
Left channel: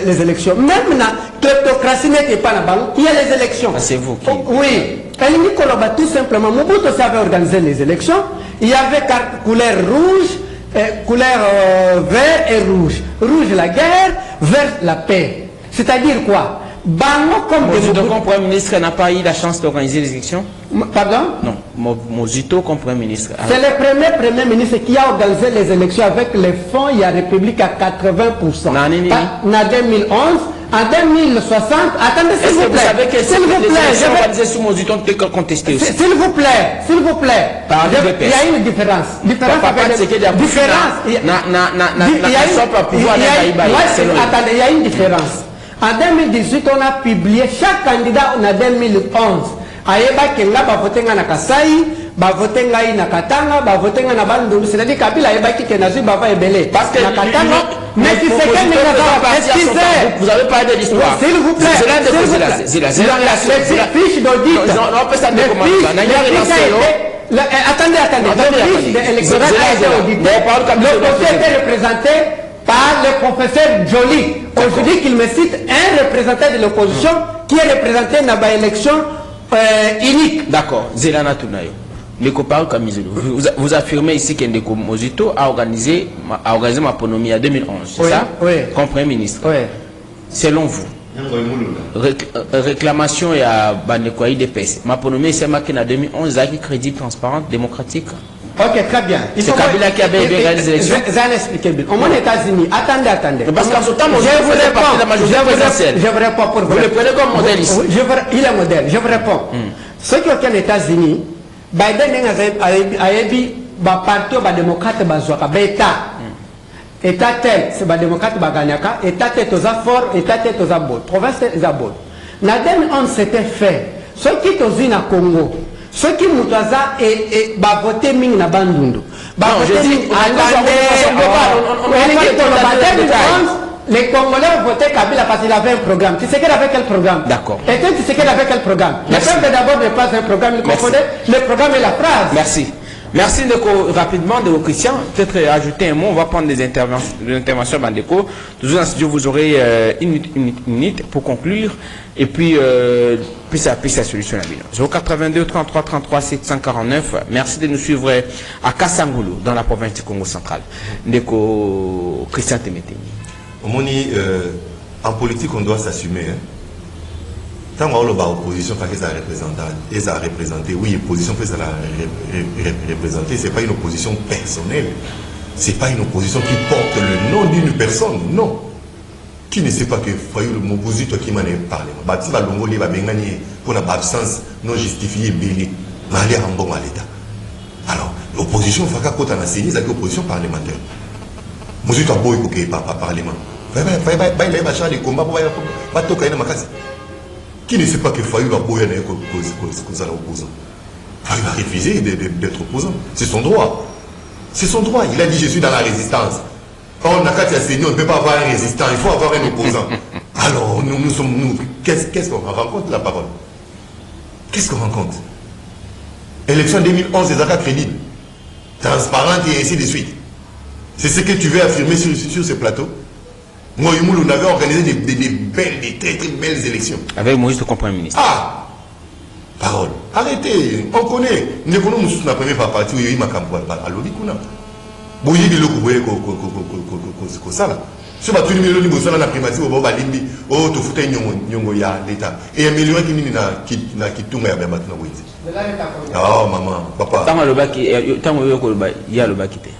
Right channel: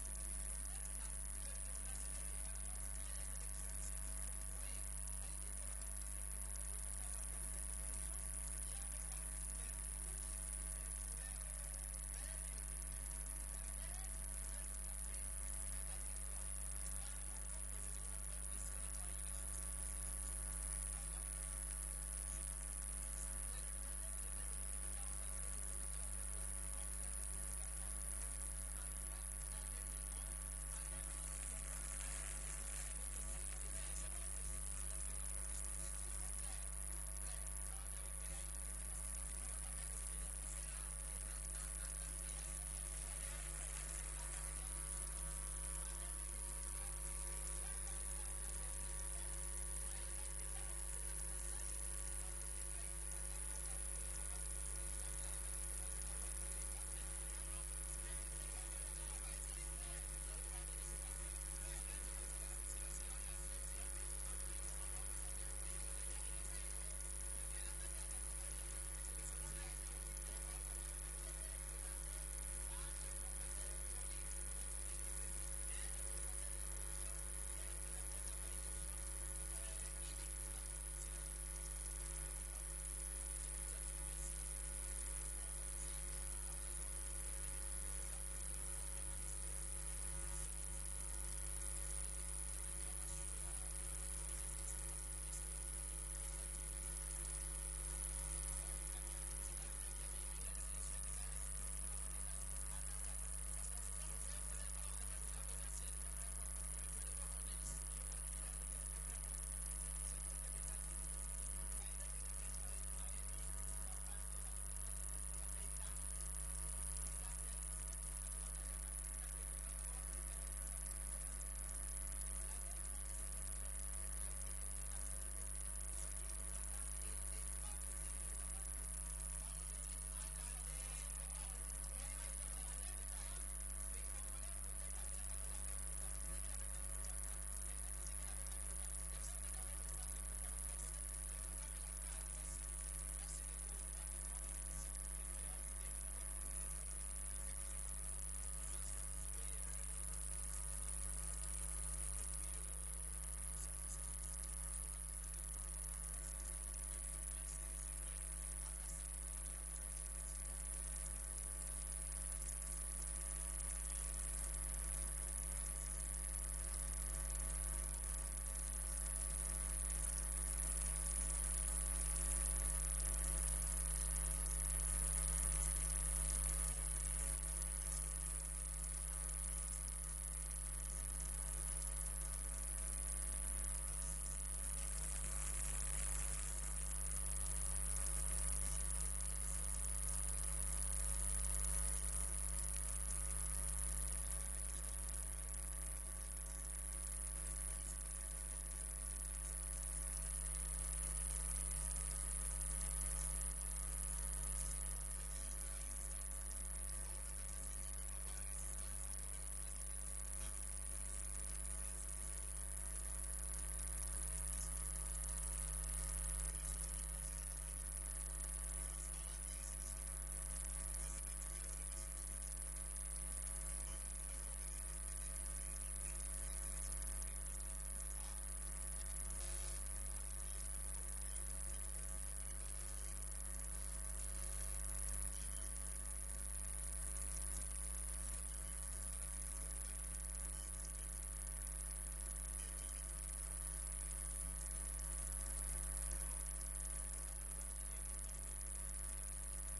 les élections. Même la kleptocratie n'était pas là-bas. Il y a les élections. Ah, c'est vous qui... Oui. Elle dit tout simplement, Mobutu avait organisé les élections, il y avait couleur rouge, couleur vert et rouge. Rouge la guerre, vert la paix. C'est-à-dire quoi? Bango comme Mozito, comme Premier ministre, n'a pas eu la chance d'organiser les élections? Pardon? Non, Mozito comme Premier ministre. C'est le premier ministre qui a organisé les élections avec les fonds, il y a République à 80%. En 2011, en 2060, attendez s'il vous plaît. Vous savez que les élections organisées sous Mozito ont été contestées aussi? S'il vous plaît, s'il vous plaît. Il y a une différence. Attendez, il y a une différence. En 2018, on a publié chaque candidat en 2011. Ayeba kenga ba votenga na Kasai, ba votenga na Katanga, ba votenga na Bandundu. C'est-à-dire Kabila ayeba ki kenazu ba va ebele. Parce que na Katanga, mais si c'est quel vous avez parlé de l'histoire. S'il vous plaît. C'est la fiche d'audit. On peut ça de Attendez. Le fiche électoral a été audité. L'opposition était représenté par le professeur Joly. Aujourd'hui qu'il me cite un représentant de l'opposition qui est représenté dans l'élection unique. D'accord. Zelana Tunayo. Les copains Kamizulu. Vous affirmez ici qu'Endeko Mozito a organisé ma ponomie en 2011. C'est ça? Oui. Comme Premier ministre. Oui. Selon vous, réclamation à Baneko IDPS. Ma ponomie c'est marqué en 2011 avec crédible, transparente, démocratique. Ok, très bien. C'est Kabila qui a bien gagné les élections. Je vais expliquer bien. Au moins, aux États-Unis, attendez. Parce qu'en ce temps, je vous réponds pour vous. Vous le prenez comme modèle ici. Il est modèle. Je vous réponds. Ceux qui ont aux États-Unis, Biden a dit parti démocrate État tel, c'est le démocrate Baganyaka, État tel, c'est fort, État tel, c'est bon. Province tel, c'est bon. En 2011, c'était fait. Ceux qui sont au Congo, ceux qui ont voté Ming na Bandundu. Les Congolais ont voté Kabila parce qu'il avait un programme. Tu sais qu'elle avait quel programme? D'accord. Et tu sais qu'elle avait quel programme? Le peuple d'abord n'est pas un programme, il confondait le programme et la phrase. Merci. Merci rapidement de Christian. Peut-être ajouter un mot, on va prendre des interventions Bandeko. Toujours en studio, vous aurez une minute pour conclure. Et puis, puis la solution à la 082 33 33 749. Merci de nous suivre à Kassangoulou, dans la province du Congo central. Ndeko Christian Temeteni. En politique, on doit s'assumer. Tant qu'on a l'opposition, ils ont représenté. Oui, l'opposition peut représenter. Ce n'est pas une opposition personnelle. Ce n'est pas une opposition qui porte le nom d'une personne. Non. Qui ne sait pas que Fayou Mobutu toi qui m'en est parlé. Bati va l'ongolé va bengani pour l'absence non justifiée belé. Malé en bon à l'État. Alors l'opposition faka kota na sénie c'est l'opposition parlementaire. Mobutu a beau écouter par parlement. Il va changer les combats pour va toquer na makasi. Qui ne sait pas que Fayou va boyer na cause à l'opposant. Fayou va refuser d'être opposant. C'est son droit. C'est son droit. Il a dit je suis dans la résistance. Or, on ne peut pas avoir un résistant, il faut avoir un opposant. Alors, nous sommes nous. Qu'est-ce qu'on rencontre la parole? Qu'est-ce qu'on rencontre? Élection 2011, des accords crédibles, transparentes et ainsi de suite. C'est ce que tu veux affirmer sur ce plateau? Moi, on avait organisé des très très belles élections. Avec Moïse, le Premier ministre. Ah! Parole. Arrêtez, on connaît. Nous connaissons la première partie où il y a eu ma campagne. Alors, on a boyi biloko boye ko sala so ba tuni miloni bo sala na primatie bo ba limbi o to futa nyongo ya l'état et améliorer kinini na kitunga ya bamba tuna boyizi oh maman papa tango le baki tango yo ko le ba ya le baki te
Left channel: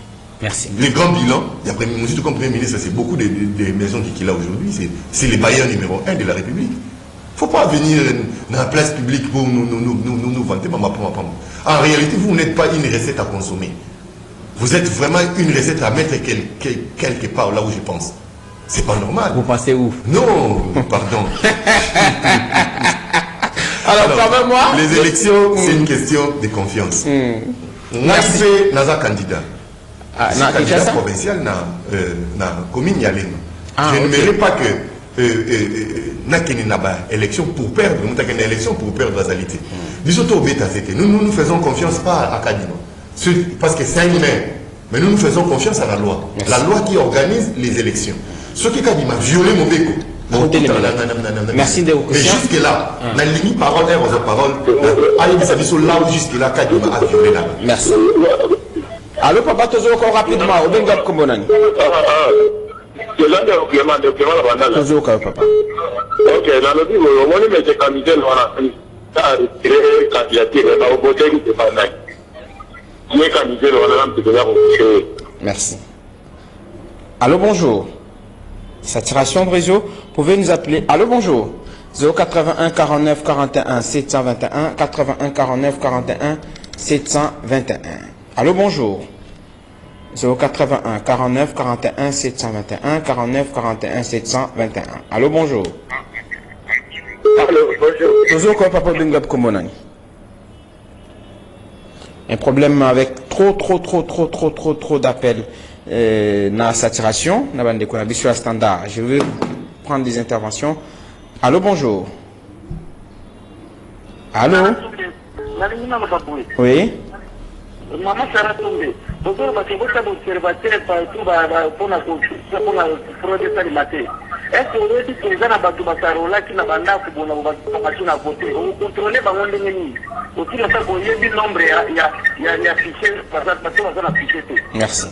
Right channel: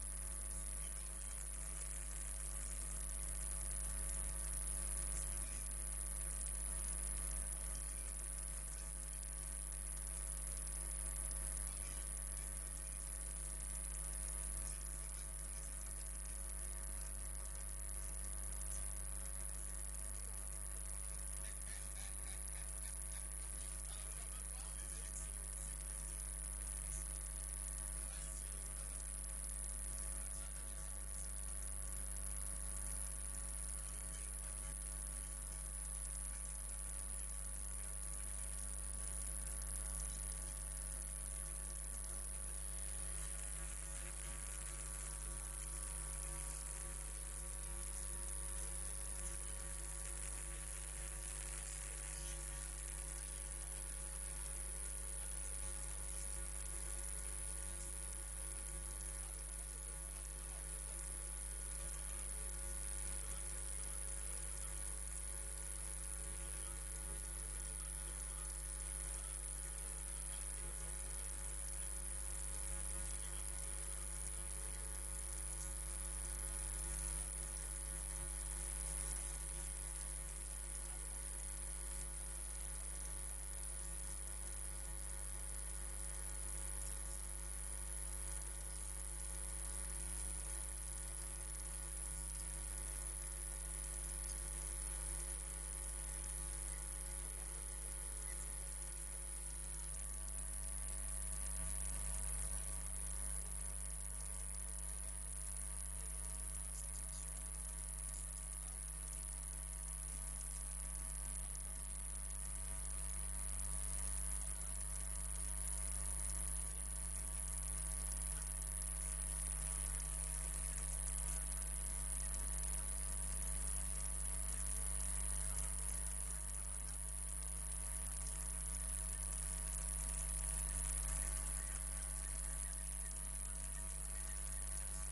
merci les grands bilans d'après monsieur comme premier ministre c'est beaucoup de maisons qu'il a aujourd'hui c'est les bailleurs numéro 1 de la République. Faut pas venir dans la place publique pour nous vanter maman. En réalité vous n'êtes pas une recette à consommer. Vous êtes vraiment une recette à mettre quelque part là où je pense. C'est pas normal. Vous pensez où? Non, pardon. Alors moi, les élections, c'est une question de confiance. Merci. Naza candidat. Candidat provincial na commune Yalema. Je ne mérite pas que nakeni naba élection pour perdre, nous élection pour perdre la qualité. Nous faisons confiance pas à Kadima. Parce que c'est un maire. Mais nous faisons confiance à la loi. Merci. La loi qui organise les élections. Ce qui a dit, violé mon béco. Merci de vous. Mais jusque-là, la limite parole est aux paroles. Allez, vous savez, là où jusque-là, quand il m'a violé là. Merci. Allô, papa, toujours encore rapidement. Au Bengap Kombonani. Toujours encore, papa. Ok, dans le niveau, on est mis candidat à retirer candidature, on a voté qui est pas mal. Qui est candidat, on a un petit peu de. Merci. Allô, bonjour. Saturation de réseau, pouvez nous appeler. Allô, bonjour. 081 49 41 721 81 49 41 721. Allô, bonjour. 081 49 41 721 49 41 721. Allô, bonjour. Allô, bonjour. Toujours comme papa Bengap Komonani. Un problème avec trop d'appels dans la saturation, dans la sur la standard. Je vais prendre des interventions. Allô, bonjour. Allô? Oui? Maman Sarah tombé. Bonjour, parce que vous êtes observateur partout pour la fraude de matin. Est-ce que vous dites que les gens qui n'ont pas voté, vous contrôlez les gens aussi, le fait qu'il y ait du nombre, il y a affiché, parce que vous avez affiché tout. Merci.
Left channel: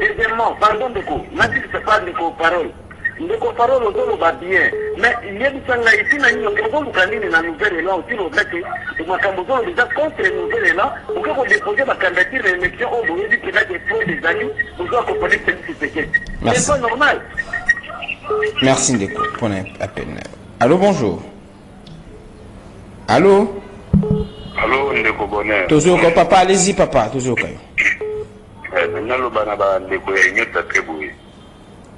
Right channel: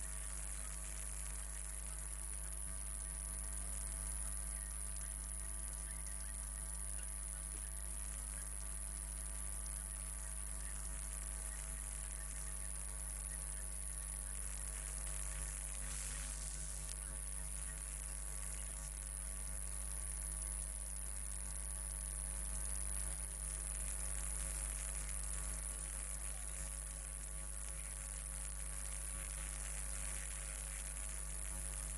Deuxièmement, pardon de quoi, même si ce n'est pas de parole. Les parole aux va bien, mais il y a des gens ici, nous avons gagné dans la nouvelle élan aussi, nous avons déjà contre la nouvelle élan, nous avons déposé la candidature à l'élection, on vous dit qu'il y a des fraudes des années, nous avons accompagné ce paquet. C'est pas normal. Merci Ndeko pour l'appel. Allô, bonjour. Allô? Allô, Ndeko Bonheur. Toujours comme papa, allez-y papa, toujours comme. Maintenant, le banaba Ndeko est très beau.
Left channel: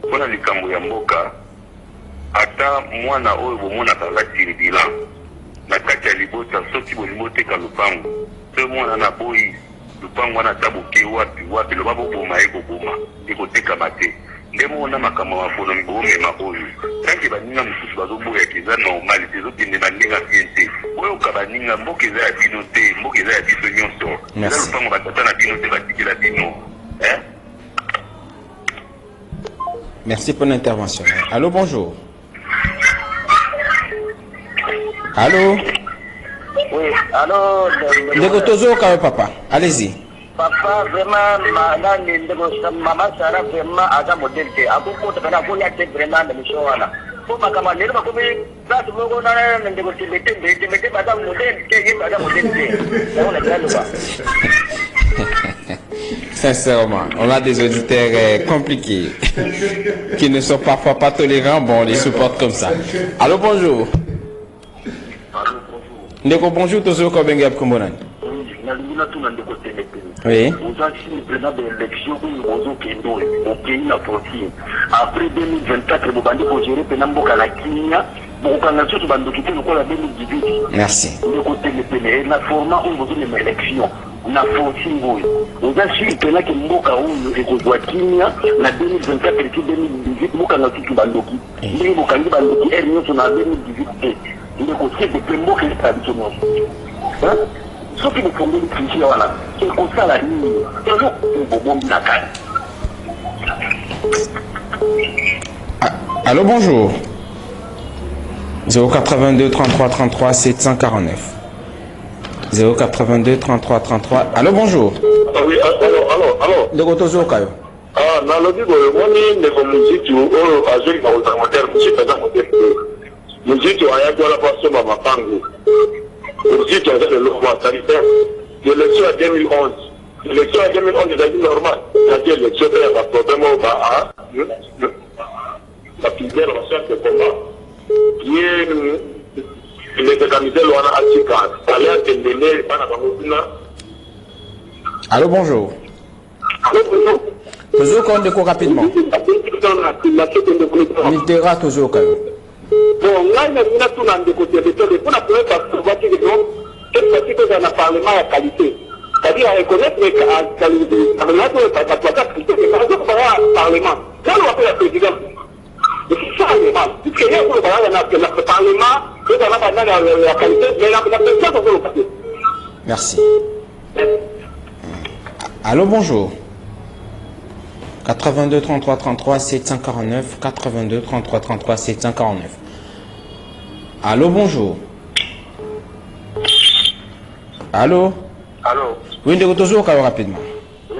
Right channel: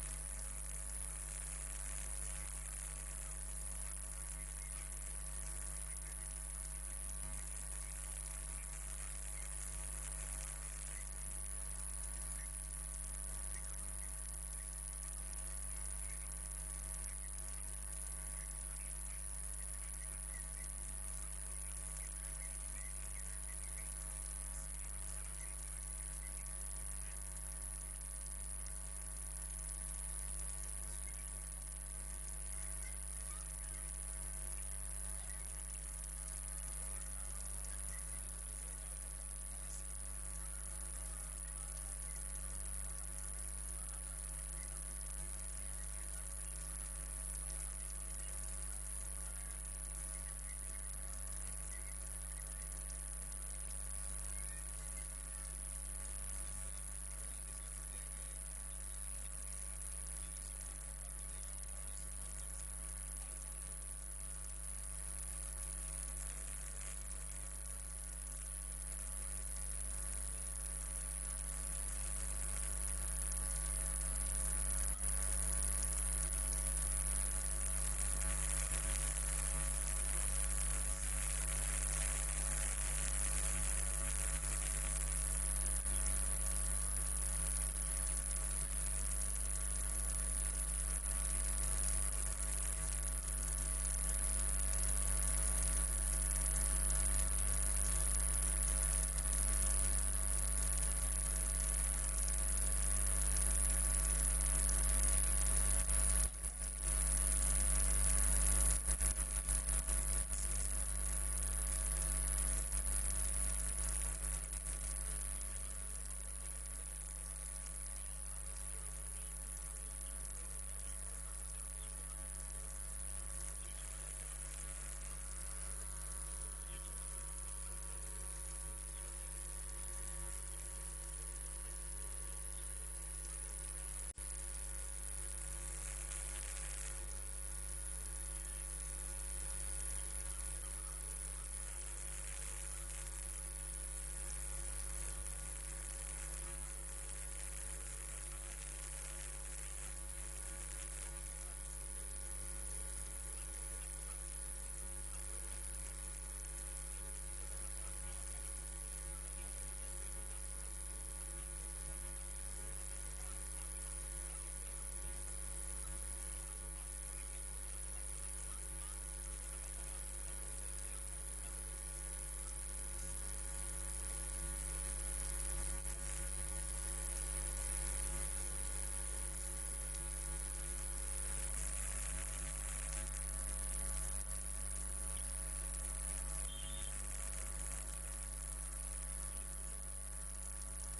Pour la likambo ya mboka ata mwana oyo bomona kazatiri bilan na kati ya libota soki bolingo teka lupango so mwana na boyi lupango wana tabuke wapi loba boboma ekoboma ekotekama te nde mona makambo mafono mibomema oyo tanke baninga mosusu bazoboyaka eza normal tezokende baninga bien te oyoka baninga mboka eza ya bino te mboka eza ya biso nyonso eza lupango batata na bino te batikela bino. Merci pour l'intervention. Allô, bonjour. Allô? Oui, allô. Ndeko toujours quand papa. Allez-y. Papa, vraiment, maman Sarah, vraiment, à la modèle, à beaucoup de gens, vous êtes vraiment dans le show. Pour ma camarade, ma copine, là, tout le monde a un négocié, mettez madame modèle, qui est madame modèle. On est là, là. Sincèrement, on a des auditeurs compliqués qui ne sont parfois pas tolérants. Bon, on les supporte comme ça. Allô, bonjour. Ndeko, bonjour, toujours comme Bengap Kombonani. Oui. Après 2024, vous allez gérer Penamboka la Kenya. Merci. La format où vous avez une élection. Na fonci ngoyi oza shiri pena ke mboka oyo ekozwa kimia na 2024 et 2018 mboka na tutu bandoki ndenge bokangi bandoki ere nyonso na 2018 ndeko sebe pe mboka ezala biso nyonso soki bofongoli triche wana ekosala nini ezo bobombi na kani. Allô, bonjour. 082 33 33 749. 082 33 33. Allô, bonjour. Oui, allô. De Gotozo Kayo. Ah, dans le niveau, on est de musique ou à jouer dans le modèle, musique dans le modèle. Musique ou à y avoir la passion à ma pango. Musique avec le loi sanitaire. L'élection à 2011. L'élection à 2011 est la vie normale. C'est-à-dire l'élection il y a un problème au bas. La filière en chef de combat. Qui est Allô, bonjour. Toujours qu'on découvre rapidement. Mitterrand toujours quand même. Bon, là, il y a tout dans le côté de tout. Pour la première fois, cette fois-ci, que dans le Parlement à qualité. C'est-à-dire à reconnaître la qualité. Dans le Parlement. Là, on va faire la présidence. C'est ça, le Parlement, la qualité, mais la présidence, on va le Merci. Allô, bonjour. 82 33 33 749. 82 33 33 749. Allô, bonjour. Allô? Allô? Oui, de toujours rapidement. Oui,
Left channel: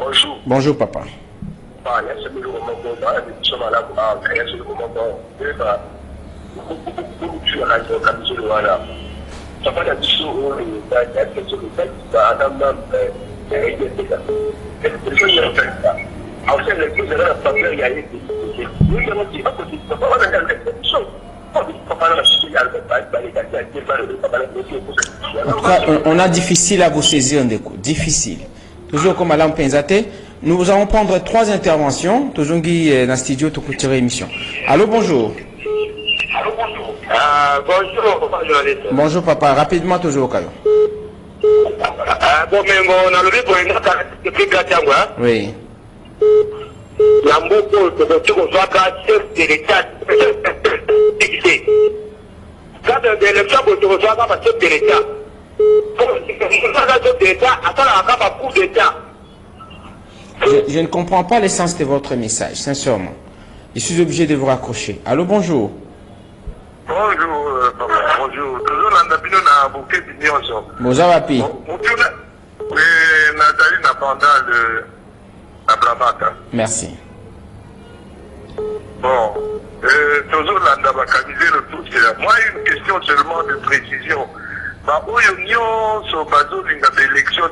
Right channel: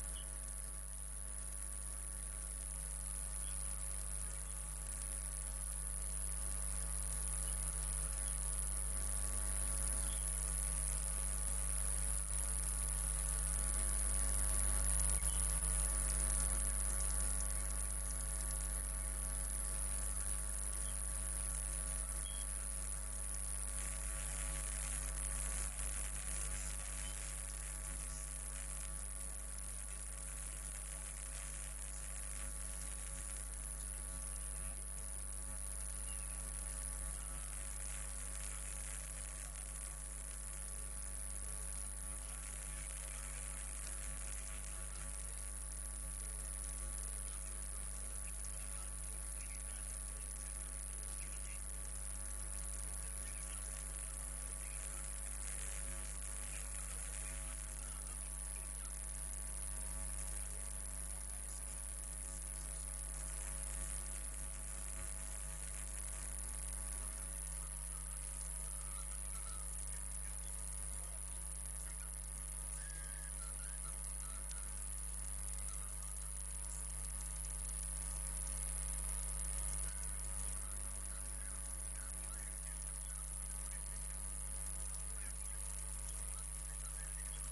bonjour. Bonjour, papa. En tout cas, on a difficile à vous saisir, Ndeko. Difficile. Toujours comme Alain Penzate, nous allons prendre 3 interventions. Toujours qui dans le studio, tout côté émission. Allô, bonjour. Bonjour, papa journaliste. Bonjour, papa. Rapidement, toujours au cas. Bon, mais on a levé pour une autre depuis Gatiangwa. Oui. Yamboko, tu reçois chef de l'État. Quand l'élection, tu reçois chef de l'État. Je ne comprends pas l'essence de votre message, sincèrement. Je suis obligé de vous raccrocher. Allô, bonjour. Bonjour, papa. Bonjour. Toujours dans le bureau, on a bouquet d'union. Bonjour, papi. Oui, Nathalie n'a pas la bravata. Merci. Bon, toujours là, on va canaliser le tout. Moi, une question seulement de précision. Bah, où l'union, sur Bazo, il y a des élections,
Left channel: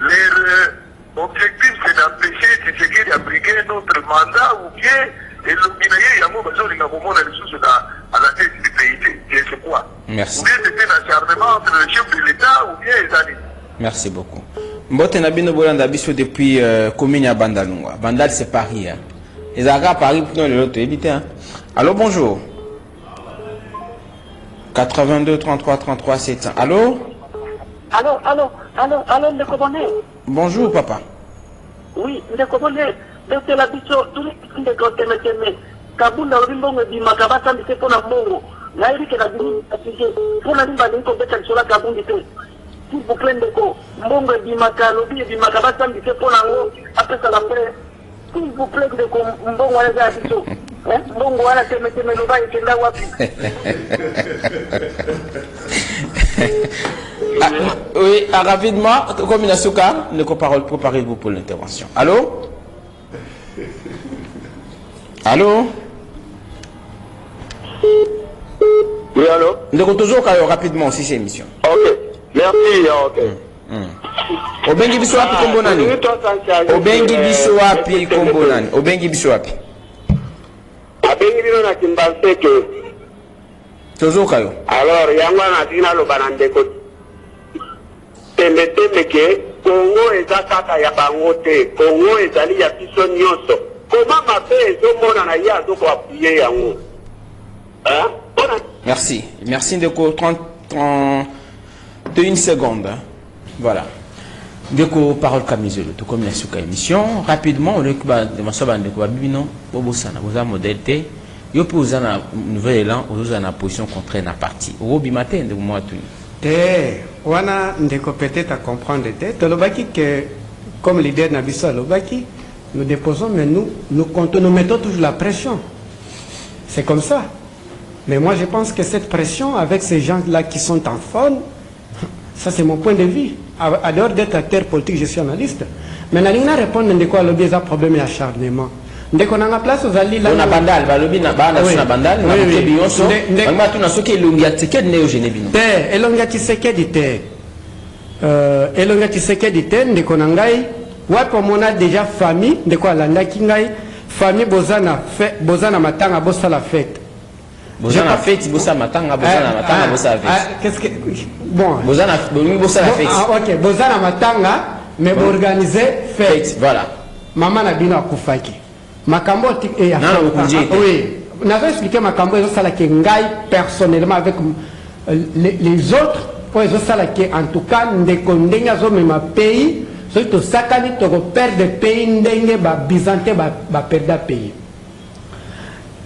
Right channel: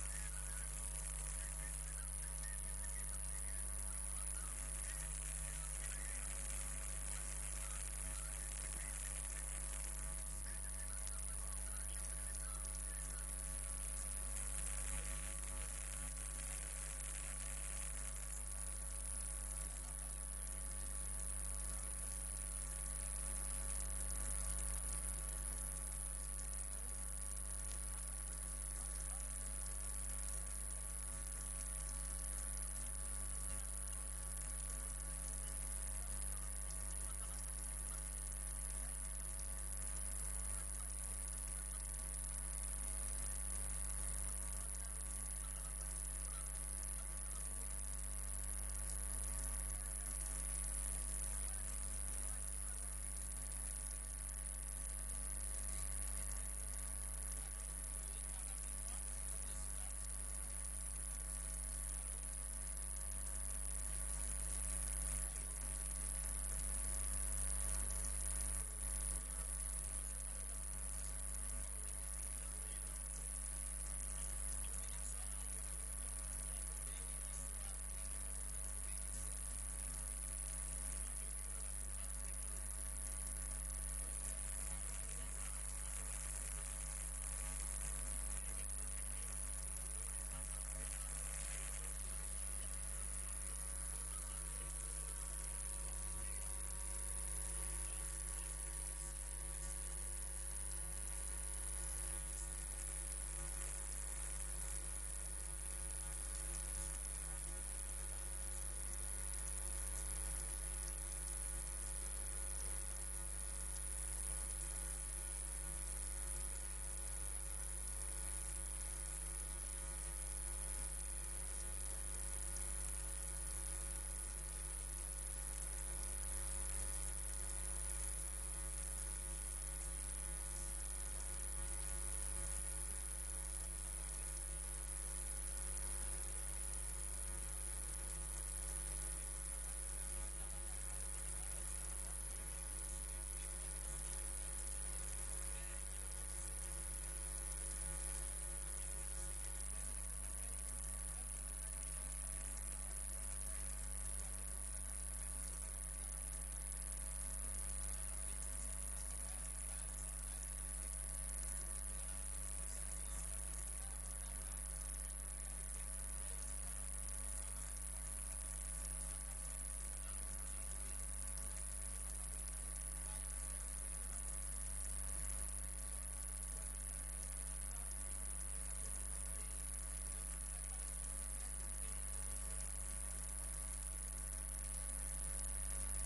leur objectif, c'est d'empêcher Tshisekedi d'abriquer notre mandat ou bien, et il y a des à la tête du pays. C'est quoi? Merci. Ou bien c'était un acharnement entre le chef de l'État ou bien les amis. Merci beaucoup. Mbote Nabino Bolanda Bisso depuis commune à Bandalungwa. Bandal, c'est Paris. Les Arabes à Paris pour nous l'autre éviter. Allô, bonjour. 82 33 33 700. Allô? Allô, le commandant. Bonjour, papa. Oui, le commandant. C'est la bicho, tout le monde est content, mais Kaboul a rimbo di makabasa ndi pour la mongo. Là, il est la bini, pour la rimba d'un côté, sur la Kaboul dit s'il vous plaît, Ndeko, mongo di makalobi di makabasa ndi pour la mongo. Après ça, après, s'il vous plaît, Ndeko, mongo wala za bicho. Mongo wala teme no ba ikenda wapi. Oui, rapidement, comme il a souka, ne parole, préparez-vous pour l'intervention. Allô? Allô? Oui, allô? Nous avons toujours rapidement aussi cette émission. Ok, merci, ok. Obengi biso wapi kombo nani? Obengi biso wapi kombo nani? Obengi biso wapi? Abengi bino na Kimbanseke. Toujours kayo. Alors, yango na tina lo banandeko. Tembe ke Congo eza kaka ya bango te. Congo ezali ya biso nyonso. Comment mabe ezomona na ye azokoappuye yango? Merci. Merci de 31 secondes. Voilà. Deko parole Kamizelo, tout comme la souka émission. Rapidement, on récupère de ma soeur de Kouabino, Bobo Sana, vous avez modèle T. Yo pour vous en nouvel élan, vous en position contraire na parti. Robi matin de moi tout. Wana ndeko peut-être à comprendre te lobaki que comme leader Nabiso lobaki nous déposons mais nous mettons toujours la pression. C'est comme ça. Mais moi je pense que cette pression avec ces gens-là qui sont en faune, ça c'est mon point de vue. À dehors d'être acteur politique, je suis analyste. Mais Nalina répondre de quoi lobby a problème d'acharnement. Dès qu'on a la place aux alliés là. On a bandal, lobby na bana na bandal, na Bionso. On va tout na soki Elongia Tshisekedi ne Genevino. Te Elongia Tshisekedi te. Elongia Tshisekedi te ndeko na ngai wapo mona déjà famille ndeko alanda ki ngai famille bozana matanga bosala fête. Bozana fête bosala matanga bosala fête. Qu'est-ce que bon bosala fête. Ah OK, bozana matanga mais organiser fête. Voilà. Maman na bino akufaki. Makambo et oui. On avait expliqué Makambo et ça qui ngai personnellement avec les autres pour ça qui en tout cas ndeko ndenga zo même pays surtout sakani to perdre pays ndenge ba bizante ba perdre pays.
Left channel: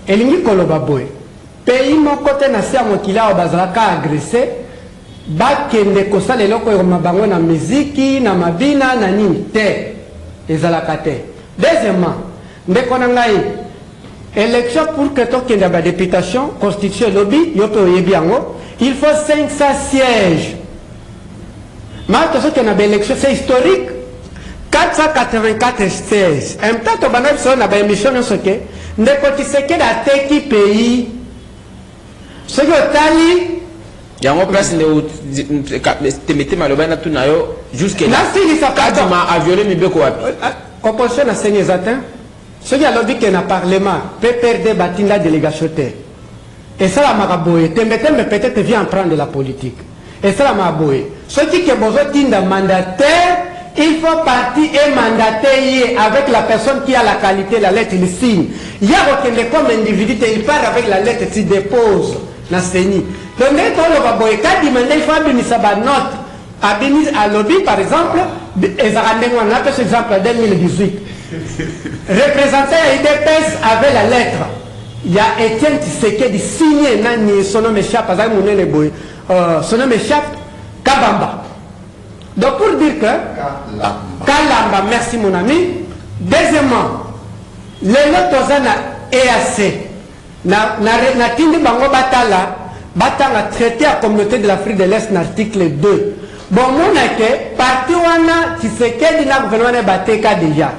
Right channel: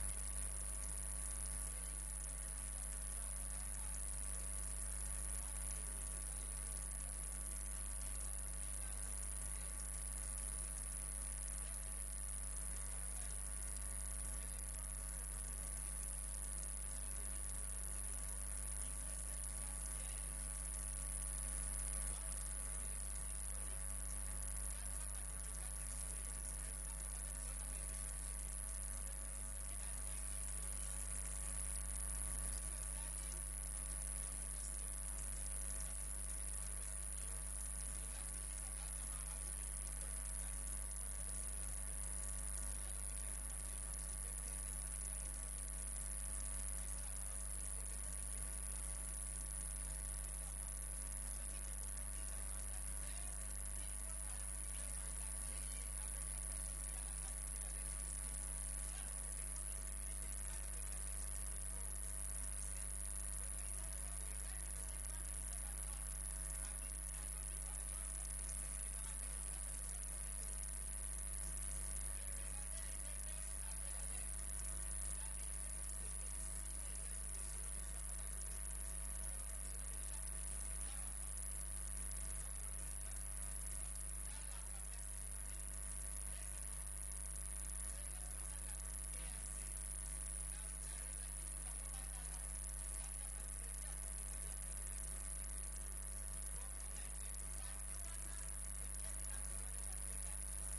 Elingi koloba boy. Pays mon côté na sia mokila bazalaka agressé ba kende ko sala eloko ya mabango na muziki na mabina na nini te. ezalaka te. Deuxièmement, ndeko na ngai élection pour que tu aies une députation, constitution lobby, il faut 500 sièges. Maintenant, ce qu'il y a une élection, c'est historique. 484 sièges. En même temps, tu as une émission, ne peut-il que la teki pays. Ce qui est il y a une place où tu mets malobana tout nayo jusqu'à là. Kadima a violé mes beko. Composition na seigneur zatin. Ce qui a lobby que na parlement peut perdre batinda délégation. Et ça la maraboye. Tembe peut-être vient prendre la politique. Et ça la maraboye. Ce qui est besoin d'un mandataire, il faut partir et mandater avec la personne qui a la qualité, la lettre, il signe. Il y a aucun comme individu, il part avec la lettre, il dépose la CENI. Donc, quand il faut abîmer sa note, abîmer à lobby, par exemple, on a fait ce exemple en 2018. Représentant à IDPS avec la lettre. Il y a Étienne Tshisekedi signé son nom échappe, son nom échappe, Kabamba. Donc pour dire que Kalamba, merci mon ami. Deuxièmement, les lots EAC, na tindi bango batala, batanga traité à communauté de l'Afrique de l'Est, l'article 2. Bon, mon ake, parti wana Tshisekedi na gouvernement bateka déjà.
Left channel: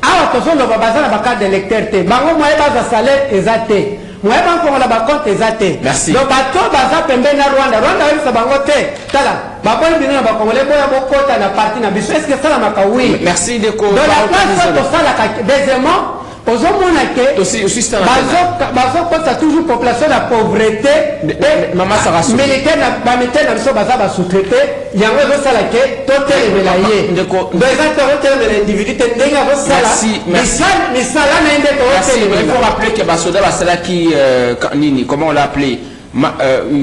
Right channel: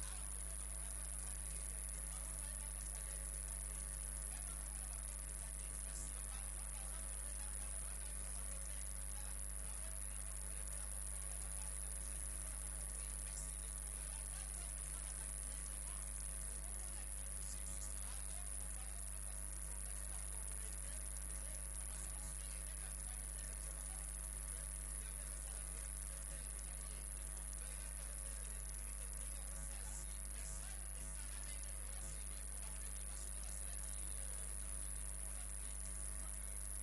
Alors, attention, le babazan na bakade d'électeur te. Bango moye baza salaire ezate. Moye bango la bakonte ezate. Merci. Donc bato baza pembe na Rwanda. Rwanda yesa bango te. Tala. Babon bino na bakongole boya bokota na parti na biso. Est-ce que ça la maka oui? Merci de quoi. Donc la place to sala ka deuxièmement, ozomona ke aussi ça bazo toujours population la pauvreté. Maman Sarah Soumi. Militaire na ba militaire na biso baza ba sous-traité. Yango zo sala ke to telemela ye. Donc exactement telemela individu te ndenga zo sala. Merci. Il faut rappeler que Basoda Basala qui comment on l'a appelé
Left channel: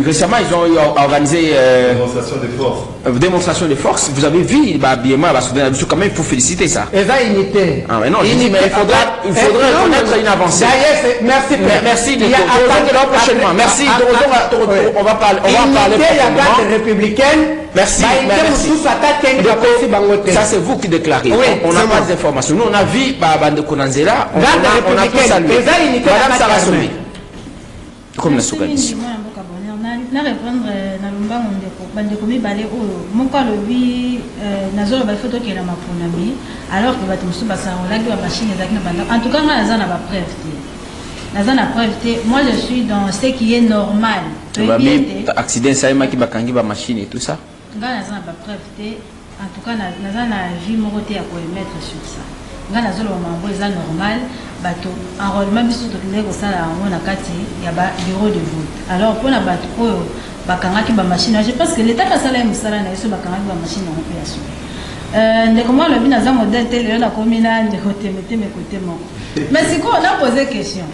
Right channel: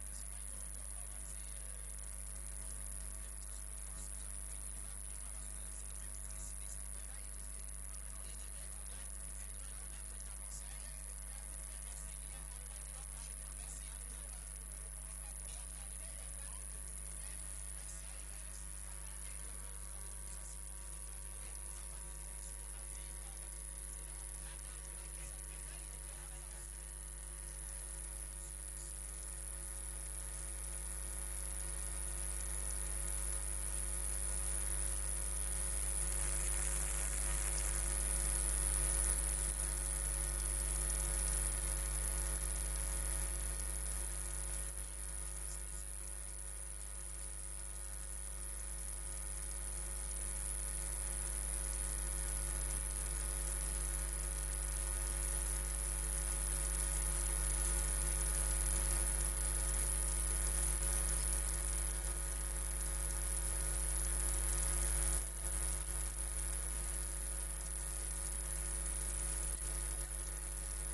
récemment ils ont organisé démonstration de force. Vous avez vu l'habillement Basoda quand même, il faut féliciter ça. Ah mais non, je dis, mais il faudrait reconnaître une avancée. Merci de prochainement. Merci. On va parler républicaine. Merci. Ça c'est vous qui déclarez. On n'a pas d'informations. Nous on a vu Bande Konanzela. On a tout salué. Madame Sarah Soumi. Comme la Soukanis. Na répondre na lumbango ndeko bandeko mibale oyo moko alobi nazolo ba photo ke na maponami alors que bato musu basanolaki ba machine ezaki na banda en tout cas nga naza na ba preuve te naza na preuve te. Moi je suis dans ce qui est normal. Accident ça qui bakangi ba machine et tout ça nga naza na ba preuve te. En tout cas naza na vie moko te ya ko mettre sur ça. Nga nazolo mambo eza normal. Bato enrôlement biso to ndeko sala ngo na kati ya ba bureau de vote. Alors pour na bato oyo bakangaki ba machine, je pense que l'état ka sala musala na yeso bakangaki ba machine en opération. Ndeko moi le bina za modèle télé na komina ndeko temete me côté moko. Mais si quoi on a posé question.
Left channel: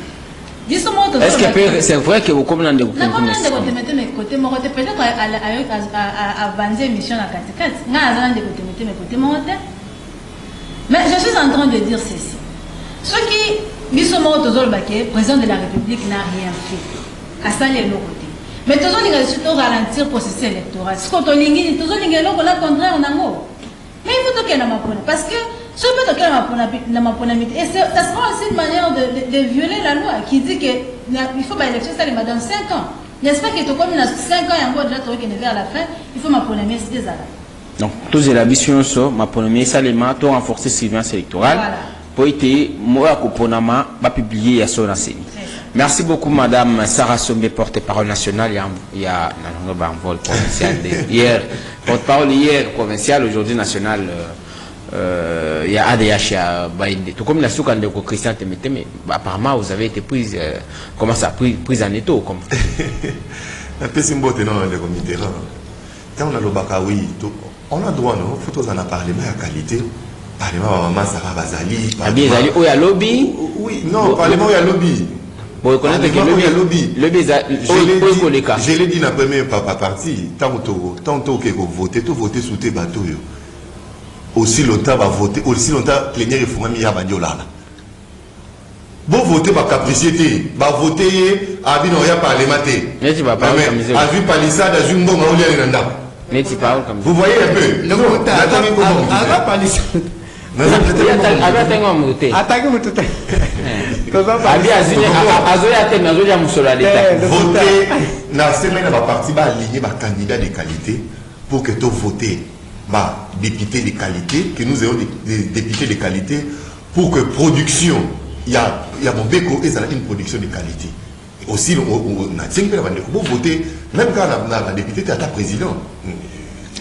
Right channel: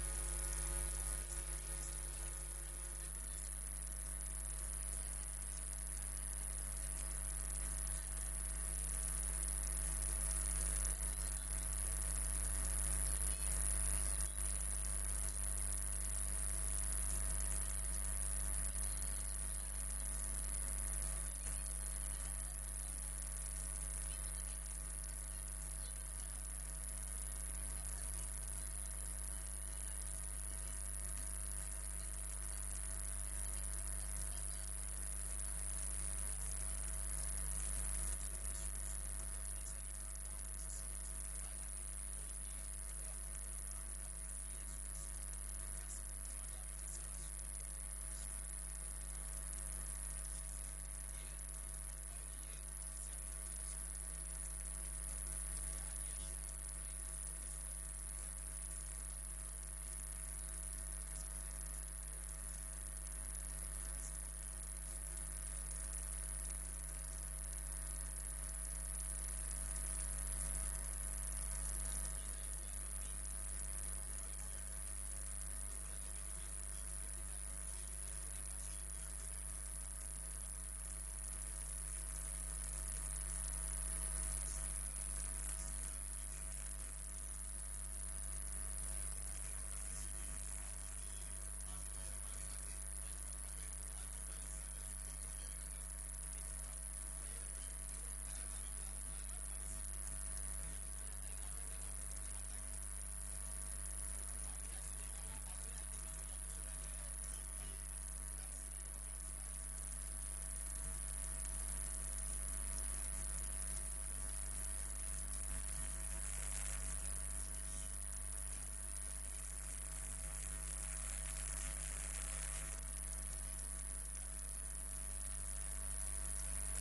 Est-ce que c'est vrai que vous comme ndeko temete me côté moko peut-être à banzer mission na kati kati. Nga za ndeko temete me côté moko. Mais je suis en train de dire ceci. Ce qui, le président de la République n'a rien fait. À ça, il est l'autre côté. Mais tout le monde surtout ralentir le processus électoral. Ce qu'on a dit, tout le monde est là contraire en ango. Mais il faut que nous apprenions. Parce que ce que nous apprenions, et ça sera aussi une manière de violer la loi qui dit qu'il faut que l'élection soit dans 5 ans. N'est-ce pas que tout comme 5 ans et encore déjà vers la fin, il faut m'apprendre c'est des arrêts. Donc, tous les ambitions sont ma première salement, tout renforcer la surveillance électorale. Voilà. Pour être moi Koponama va publier à son enseigne. Merci beaucoup Madame Sarah Soumi, porte-parole nationale. Il y a un vol provincial hier, porte-parole hier provincial, aujourd'hui national. Il y a ADH à Baïndé. Tout comme la souka de Christian Temete, mais apparemment vous avez été prise, comment ça, prise en étau comme. Un peu symbolique dans le comité. Quand on a le Bakawi, on a droit, non, faut en a parlé, mais à qualité. Parlement maman Sarah Bazali. Où il y a lobby? Oui, non, parlement où il y a lobby. Bon, reconnaître que le lobby. Je l'ai dit dans la première partie. Tant que vous votez, tout voter sous tes bateaux. Aussi longtemps va voter, aussi longtemps plénière et fourmi y a bandiola. Bon voter par capricité, va voter à binoya parlementaire. Mais tu vas pas à vu palissade à jumbo maoulia nanda. Mais tu parles comme ça. Vous voyez un peu. Attaquez vous tout. Voter, la semaine va partir va aligner ma candidat de qualité pour que tu votes ma député de qualité, que nous ayons des députés de qualité pour que production, il y a mon béco et ça a une production de qualité. Aussi, on a 5 personnes pour voter, même quand on a député, tu as ta président.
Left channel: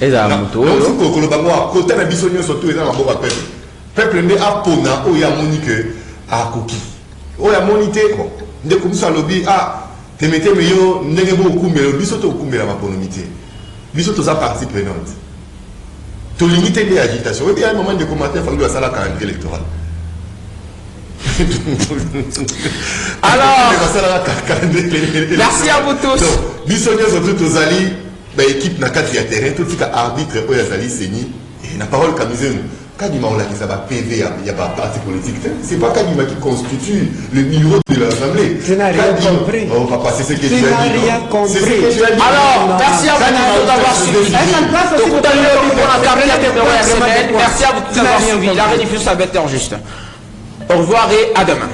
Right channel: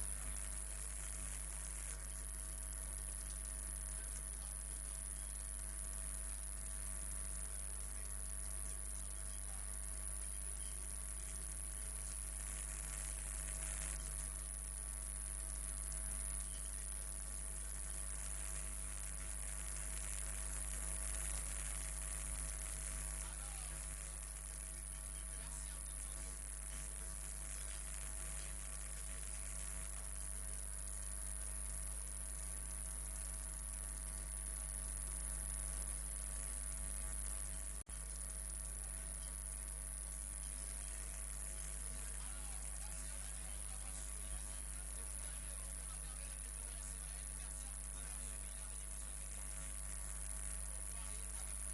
Et ça a un côté de la bisogno surtout, il y a un peuple. Peuple ne a pas de il y a monique à coquille. Il y a monité, dès que ça lobby, te mettez meilleur, n'est beaucoup, mais le bisoto au coup, mais la maponomité. Bisoto sa partie prenante. Tu limites les agitations. Il y a un moment de commentaire, il faut que ça la calendrier électoral. Alors, merci à vous tous. Bisogno surtout aux alliés, l'équipe n'a qu'à tirer terrain, tout ce qui est arbitre, aux alliés, c'est ni. Et la parole camisée. Kadima on l'a dit ça va PV, il n'y a pas de parti politique. C'est pas Kadima qui constitue le numéro de l'Assemblée. Tu n'as rien compris. Oh papa, c'est ce que tu as dit. Tu n'as rien compris. Alors, merci à vous d'avoir suivi. Merci à vous d'avoir suivi. La rediffusion, ça va être juste. Au revoir et à demain.